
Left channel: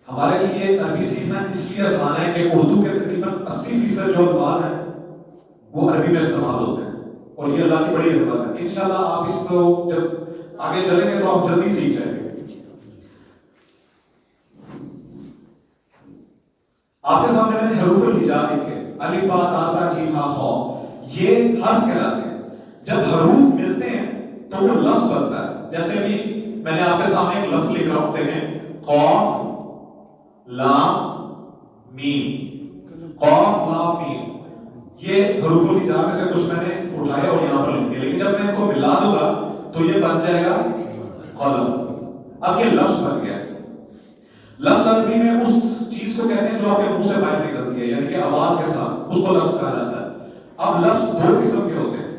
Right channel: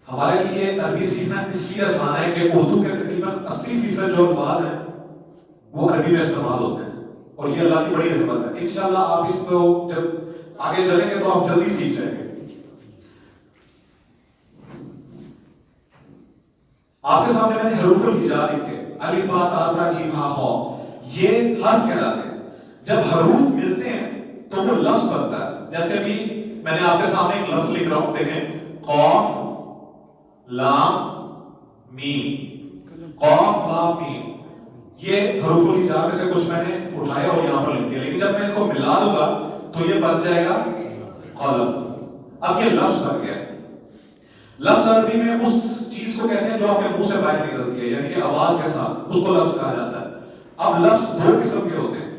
ہمارے لیے عربی سیکھنا اس لیے آسان ہے کہ اردو کے تقریباً 80% جو الفاظ ہیں وہ عربی میں استعمال ہوتے ہیں، اور یہ اللہ کی بڑی رحمت ہے. انشاءاللہ آپ اس کو جب آگے چلیں گے تو آپ جلدی سیکھ جائیں گے. آپ کے سامنے میں نے حروف الہجا لکھے، الف با تا سا جیم ہا خا. یہ حرف کہلاتے ہیں. جب حروف ملتے ہیں تو وہ لفظ بنتا ہے. جیسے بھی میں نے آپ کے سامنے ایک لفظ لکھ رہا ہوں، دیکھیں، قاف لام میم. قاف لام میم، یہ حروف الہجا میں سے کچھ میں نے اٹھائے اور یہاں پر لکھ دیا. لیکن جب میں ان کو ملا دوں گا تو یہ بن جائے گا قلم. اب یہ لفظ بن گیا. لفظ عربی میں اس چیز کو کہتے ہیں جو آپ کے منہ سے باہر نکلتی ہے، یعنی کہ آواز کے ساتھ، اس کو لفظ کہا جاتا ہے. اب لفظ دو قسم کے ہوتے ہیں،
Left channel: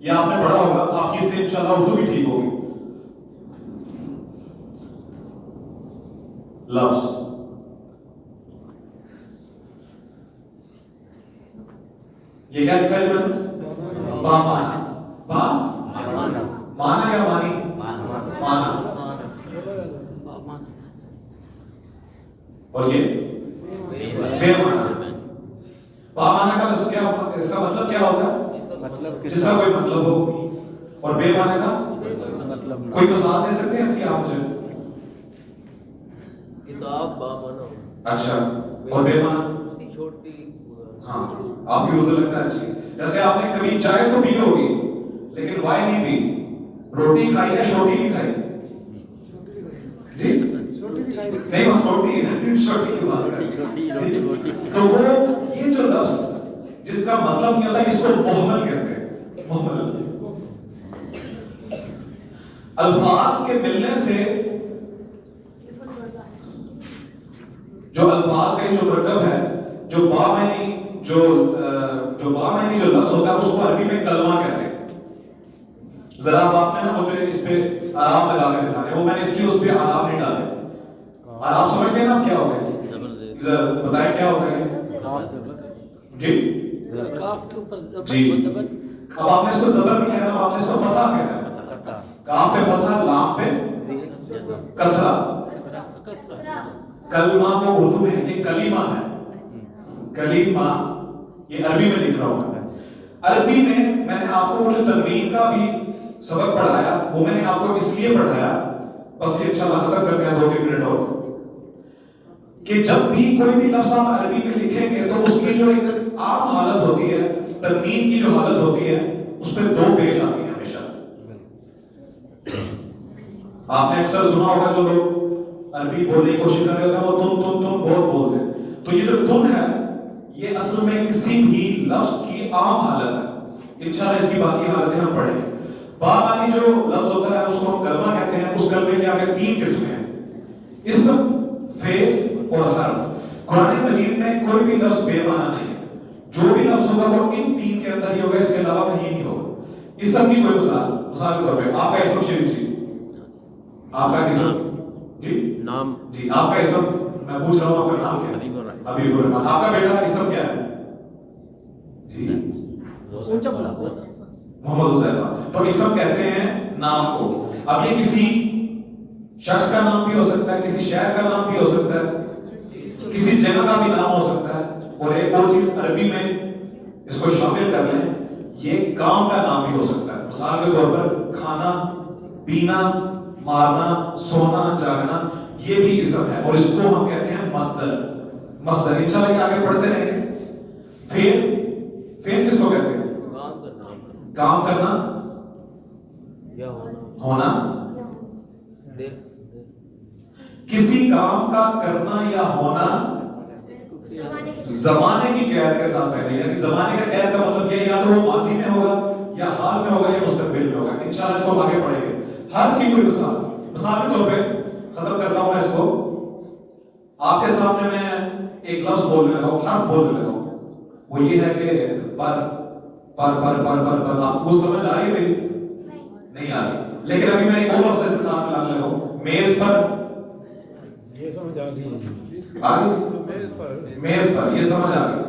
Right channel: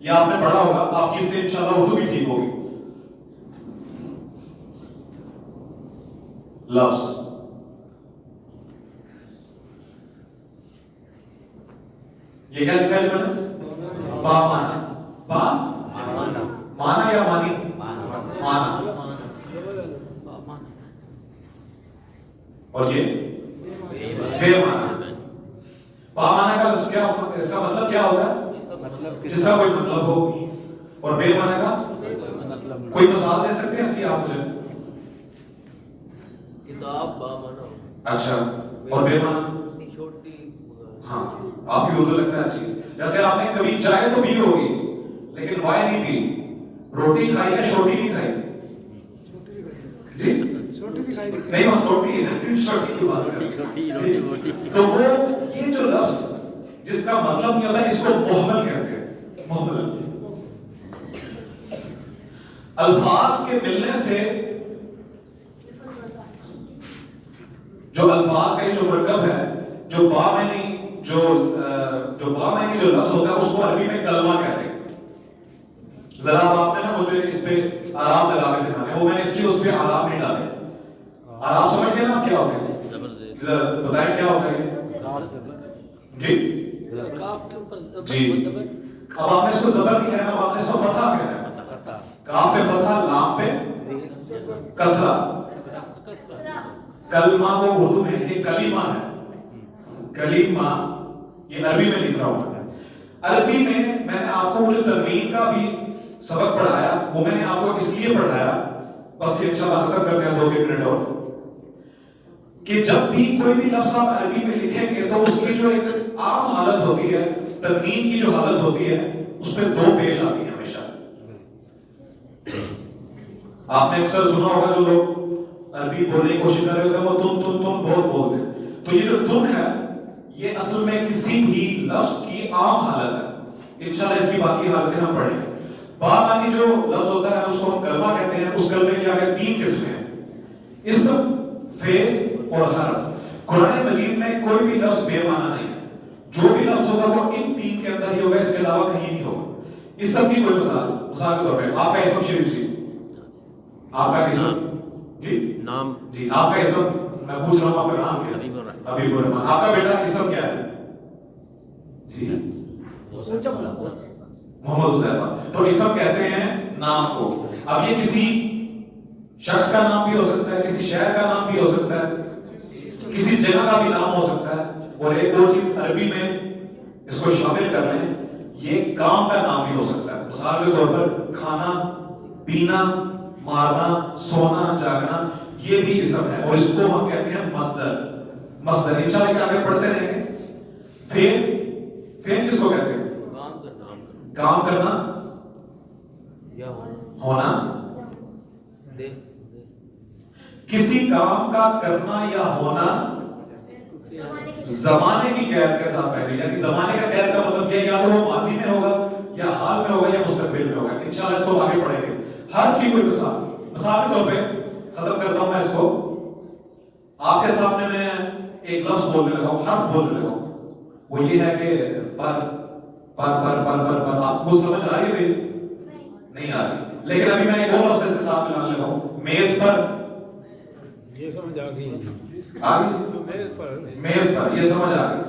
یہ آپ نے پڑھا ہوگا. آپ کی سے انشاءاللہ اردو بھی ٹھیک ہوگی. لفظ یہ کیا لکھا ہے؟ با مانا. با مانا یا مانی؟ مانا. اور یہ بے مانا. با مانا کا اس کا مطلب کیا ہوتا ہے؟ جس کا کوئی مطلب ہو. اور بے مانا کا کوئی مثال دے سکتے ہیں اس کی آپ مجھے؟ کتاب با مانا. اچھا، اور بے مانا؟ چھوٹی. ہاں، آپ کی اردو لگتا ہے اچھی. جیسے آپ نے کبھی چائے تو پی ہوگی لیکن وائے نہیں پی. روٹی کھائی ہے، چھوٹی بھی کھائی جی؟ نہیں، وہ چھوٹی ہے، چھوٹی کی بات ہے. تو وہ یہ جو لفظ جس کا مطلب نہیں ہوتا، اس کو محمل کہتے ہیں. محمل الفاظ کے ملنے سے جو الفاظ کا جو مرکب ہے، جو با معنی جو لفظ ہوتا ہے، اس کو عربی میں کلمہ کہتے ہیں. ذرا آپ نے نا مجھے اس پہ آرام لگا کے دکھانے، وہ میں نے اس لیے اس پہ آرام نہیں ڈالے. آپ سمجھتے ہیں نا کیا ہوتا ہے؟ بتائیں کیا ہوتا ہے جی؟ جی، اب آپ نے اس کو زبر نہیں کہنا، آپ نے اس کو فتح کہنا ہے. کاف پہ فتح، لام پہ کسرہ. کلمہ کو اردو میں یہ کلیمہ ہے. کلیمہ یہ عربی میں لکھ رہا ہوں. عربی میں نے آپ کو جو تنوین کا بھی سبق پڑھایا وہ میں نے آپ کو اس لیے پڑھایا، بس یہ انشاءاللہ ختم کرتے ہیں 2-3 منٹ اور، کہ جب بھی کوئی بھی لفظ آپ عربی میں لکھیں گے تو اس کی جو ایک عام حالت ہوتی ہے، تنوین کی جو حالت ہوتی ہے، اس پہ دو پیش آتی ہیں ہمیشہ. آپ نے اکثر سنا ہوگا جو لوگ عربی بولنے کی کوشش کر رہے ہوتے ہیں وہ تم بہت بولتے ہیں. تو یہ جو تم ہے یہ اصل میں کسی بھی لفظ کی عام حالت ہے. انشاءاللہ اس کی باقی حالتیں ہم پڑھیں گے. با معنی جو لفظ ہوتا ہے اس کو ہم کلمہ کہتے ہیں. اس کلمے کے آگے 3 قسمیں ہیں، اسم، فعل اور حرف. قرآن مجید میں کوئی بھی لفظ بے معنی نہیں ہے. جو بھی لفظ ہوگا وہ ان 3 کے اندر ہی ہوگا، اس کے علاوہ کہیں نہیں ہوگا. اسم کی کوئی مثال کے طور پہ آپ کا اسم شریف جی، آپ کا اسم جی، نام جی، آپ کا اسم میں پوچھ رہا ہوں، آپ کا نام کیا ہے؟ حبیب الرحمان. آپ کا بیٹا اسم کیا ہے جی؟ محمد حذیفہ. تو اسم کہتے ہیں نام کو. اب یہ کسی شخص کا نام بھی ہو سکتا ہے، کسی شہر کا نام بھی ہو سکتا ہے، کسی جگہ کا بھی نام ہو سکتا ہے. اور ایک اور چیز عربی میں اس کو شامل کر لیں، یہ کام کا نام بھی ہو سکتا ہے. مثال کے طور پر کھانا، پینا، مارنا، سونا، جاگنا، یہ بھی اسم ہے اور اس کو ہم کہتے ہیں مصدر. مصدر انشاءاللہ کہ آگے پڑھتے رہیں گے. فعل کس کو کہتے ہیں؟ کام کرنا یا ہونا. دے کسی کام کا کرنا یا ہونا زمانے کی قید کے ساتھ پہلے، یعنی زمانے کا قید کا مطلب یہ یا تو وہ ماضی میں ہوگا یا حال میں ہوگا یا مستقبل میں ہوگا. انشاءاللہ اس کو آگے پڑھیں گے. حرف کی کوئی مثال کے طور پہ ختم کرتا ہوں میں اس کو. آپ کے سامنے میں ایک لفظ بولنے لگا ہوں، حرف بولنے لگا ہوں، وہ یہ ہے کہ پر آپ کو سمجھ آ رہی ہے بھائی؟ نہیں آ رہی. لیکن ابھی میں ایک اور لفظ کے ساتھ ملانے لگا ہوں، میز پر. یہ سمجھ آ گئی آ گئی میز پر، یہ سمجھ آ گئی.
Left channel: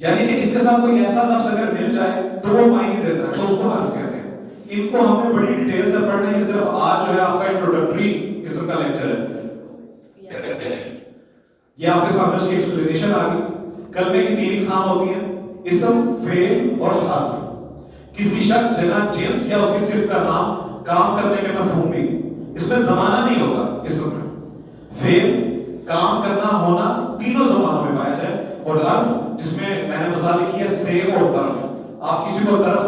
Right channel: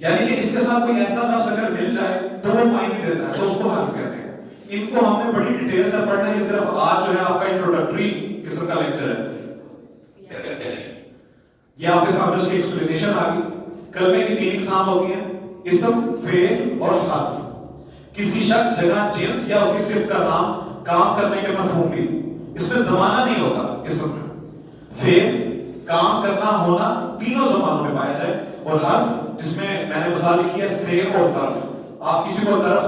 یعنی کہ اس کے ساتھ کوئی ایسا لفظ اگر مل جائے تو وہ معنی دیتا ہے، تو اس کو حرف کہتے ہیں. ان کو ہم نے بڑی ڈیٹیل سے پڑھنا ہے. یہ صرف آج جو ہے آپ کا انٹروڈکٹری قسم کا لیکچر ہے. یہ آپ کے سامنے اس کی ایکسپلینیشن آ گئی. کلمے کی 3 اقسام ہوتی ہیں، اسم، فعل اور حرف. کسی شخص، جگہ، جنس یا اس کی صفت کا نام، کام کرنے کے مفہوم بھی. اس میں زمانہ نہیں ہوتا. اسم میں فعل، کام کرنا، ہونا تینوں زمانوں میں پایا جائے. اور حرف جس میں میں نے مثال لکھی ہے سے اور طرف. آپ کسی کو طرف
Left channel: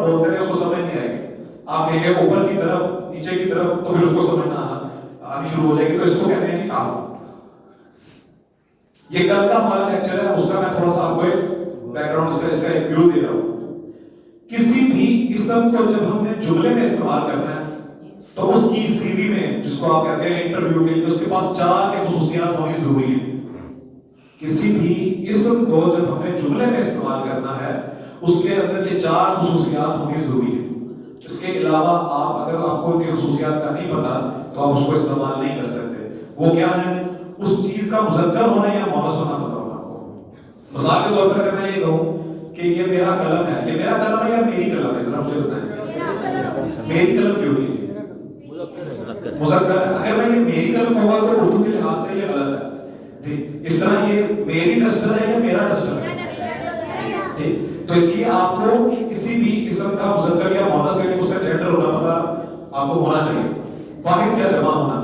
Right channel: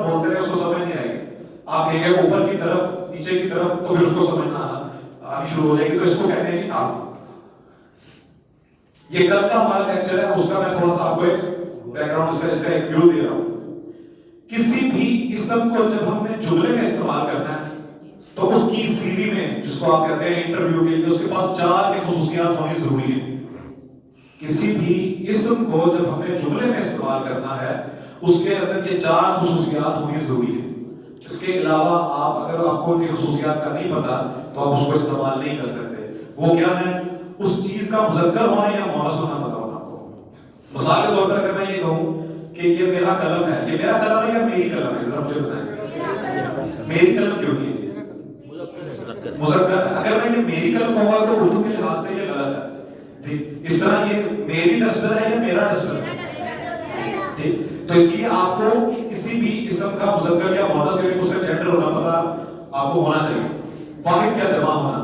بولتے رہے، اس کو سمجھ نہیں آئے گی. آپ کہیں گے اوپر کی طرف، نیچے کی طرف، تو پھر اس کو سمجھنا آنی شروع ہو جائے گی. تو اس کو کہتے ہیں کہ آپ. یہ کل کا ہمارا لیکچر ہے، اس کا میں تھوڑا سا آپ کو ایک بیک گراؤنڈ اس کا ایک ویو دے رہا ہوں. کسی بھی اسم کو جب ہم نے جملے میں استعمال کرنا ہے تو اس کی سی وی میں، جس کو آپ کہتے ہیں انٹرویو کے لیے، اس کے پاس 4 کے خصوصیات ہونی ضروری ہیں. کسی بھی اسم کو جب ہم نے جملے میں استعمال کرنا ہے اس کے اندر یہ 4 خصوصیات ہونی ضروری ہیں. اس کے علاوہ اگر آپ کو ان کی خصوصیات کا نہیں پتا تو آپ اس کو استعمال نہیں کر سکتے. وہ کیا ہے؟ اس چیز کا مذکر ہونا یا مؤنث ہونا بتانا. مثال کے طور پر اگر میں یہ کہوں کہ یہ میرا قلم ہے، یہ میرا قلم ہے یا میری قلم ہے؟ ذرا مجھے بتائیں میری قلم کیوں نہیں ہے؟ مذکر ہے. اگر میں یہ میری قلم ہوگا تو اردو کے لحاظ سے یہ غلط ہے. ٹھیک، اس طرح یہ میری ڈسٹر ہے یا میرا ڈسٹر ہے. ٹھیک، تو اس لیے آپ کو کسی بھی اسم کا مذکر یا مؤنث یعنی اس کا جینڈر ہونا پتا آپ کو ہونا چاہیے. واحد کا جمع ہونا.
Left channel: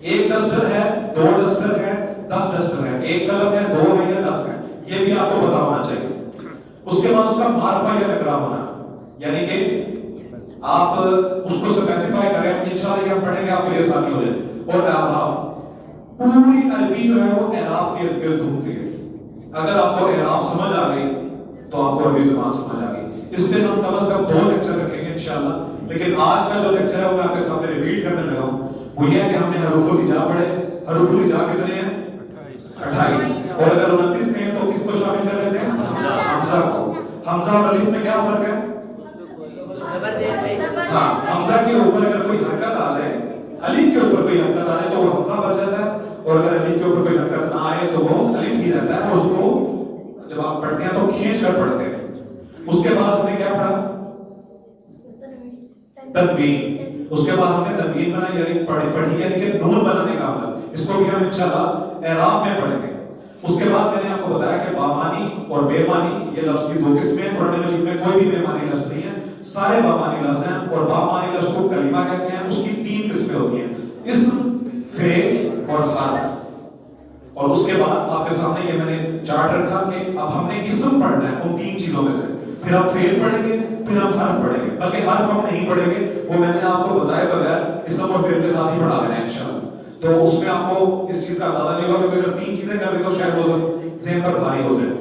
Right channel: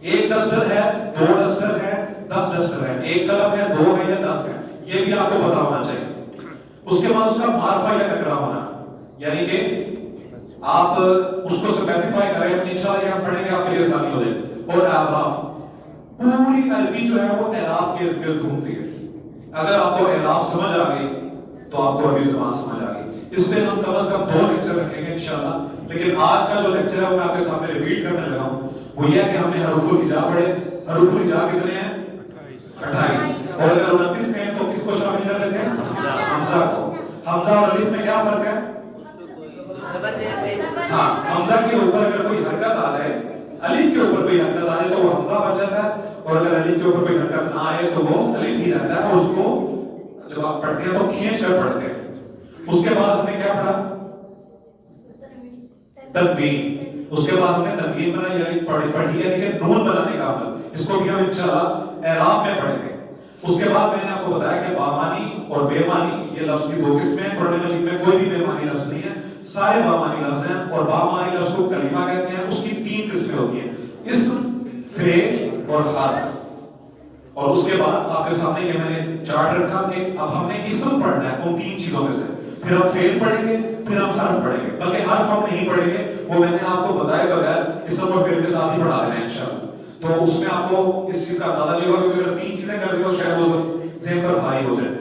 ایک ڈسٹر ہے، 2 ڈسٹر ہے، 10 ڈسٹر ہے. ایک قلم ہے، 2 ہے یا 10 ہے، یہ بھی آپ کو پتا ہونا چاہیے. اس کے بعد اس کا معرفہ یا نکرہ ہونا، یعنی کہ آپ اس کو اسپیسیفائی کریں. انشاءاللہ یہ ہم پڑھیں گے، آپ کے لیے آسانی ہو جائے. اور اعراب، پوری عربی جو ہے وہ اعراب کے ارد گرد گھومتی ہے. اگر آپ کو اعراب سمجھ آ گئی تو آپ کو عربی زبان سمجھ آ گئی. اس پہ ہم کم از کم 2 لیکچر رکھیں گے انشاءاللہ. لیکن آج کا جو لیکچر ہے وہ میں آپ کے سامنے ریپیٹ کرنے لگا ہوں. وہ یہ ہے کہ ہم نے حروف الہجا پڑھے. حروف الہجا کتنے ہیں؟ 28. اور اگر 29 میں تو کس کو شامل کر لیتے ہیں؟ حمزہ کو. حمزہ اور الف میں کیا فرق ہے؟ ہاں، حمزہ کے اوپر اگر کوئی حرکت آ جائے، الف کے اوپر کوئی حرکت آ جائے تو وہ حمزہ بن جاتا ہے. اور اگر الف کے اوپر کوئی حرکت نہ آئے تو وہ الف ہی رہتا ہے. اس کو جب آپ پڑھتے ہیں تو کھینچ کر پڑھتے ہیں. اس کے بعد ہم نے کیا پڑھا؟ تنوین. اس کے بعد ہم نے تنوین بنائی یعنی پڑھی یعنی کہ نون بنانے کا عمل. اس کو بھی ہم انشاءاللہ اعراب میں پڑھیں گے. اس کے بعد میں نے آپ کو بتایا کہ بامانی اور بے معنی یہ لفظ کی 2 قسمیں ہیں. قرآن مجید میں کوئی بھی بے معنی لفظ نہیں ہے، سارے بامانی لفظ ہیں. اور بامانی لفظ کو کلمہ کہتے ہیں. اس کی 3 قسمیں ہوتی ہیں، اسم، فعل اور حرف. اور اس کے بعد آپ کے سامنے یہ میں نے چارٹ رکھا کہ اب ہم نے اسم پڑھنا ہے ان 3 چیزوں میں سے. پھر ہم فعل پڑھیں گے، پھر ہم حرف پڑھیں گے. بلکہ حرف ہم نہیں پڑھیں گے، وہ میں نے آپ کو بتایا بغیر اسم اور فعل کے ساتھ ہی پڑھا ہے انشاءاللہ. تو اس میں آپ کو اس چیز کا اندازہ نہیں ہوگا کہ اگر 3 چیزیں کر دیں تو شاید وہ ذہن پر بھاری ہو جائے.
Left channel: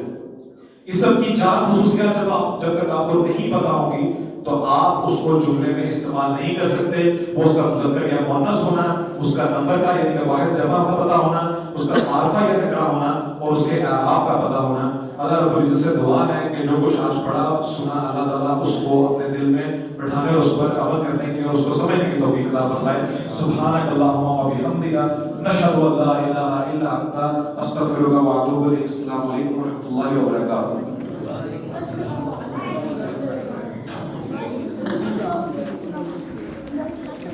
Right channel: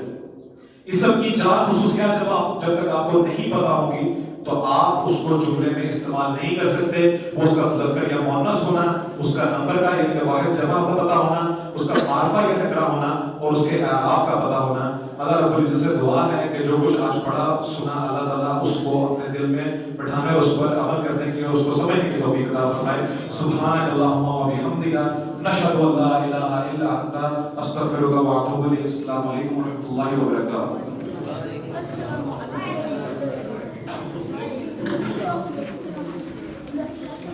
اسم کی 4 خصوصیات جب تک آپ کو نہیں پتا ہوگی تو آپ اس کو جملے میں استعمال نہیں کر سکتے. وہ اس کا مذکر یا مؤنث ہونا، اس کا نمبر کا یعنی کہ واحد جمع کا پتہ ہونا، اس کا معرفہ یا نکرہ ہونا اور اس کے اعراب کا پتہ ہونا. اللہ رب العزت سے دعا ہے کہ جو کچھ آج پڑھا سنا اللہ تعالیٰ اس کو اپنے دل میں بٹھانے اور اس پر عمل کرنے کی اور اس کو سمجھنے کی توفیق عطا فرمائے. سبحانک اللہم و بحمدک، نشہد ان لا الہ الا انت، استغفرک و اتوب الیک. السلام علیکم و رحمۃ اللہ وبرکاتہ.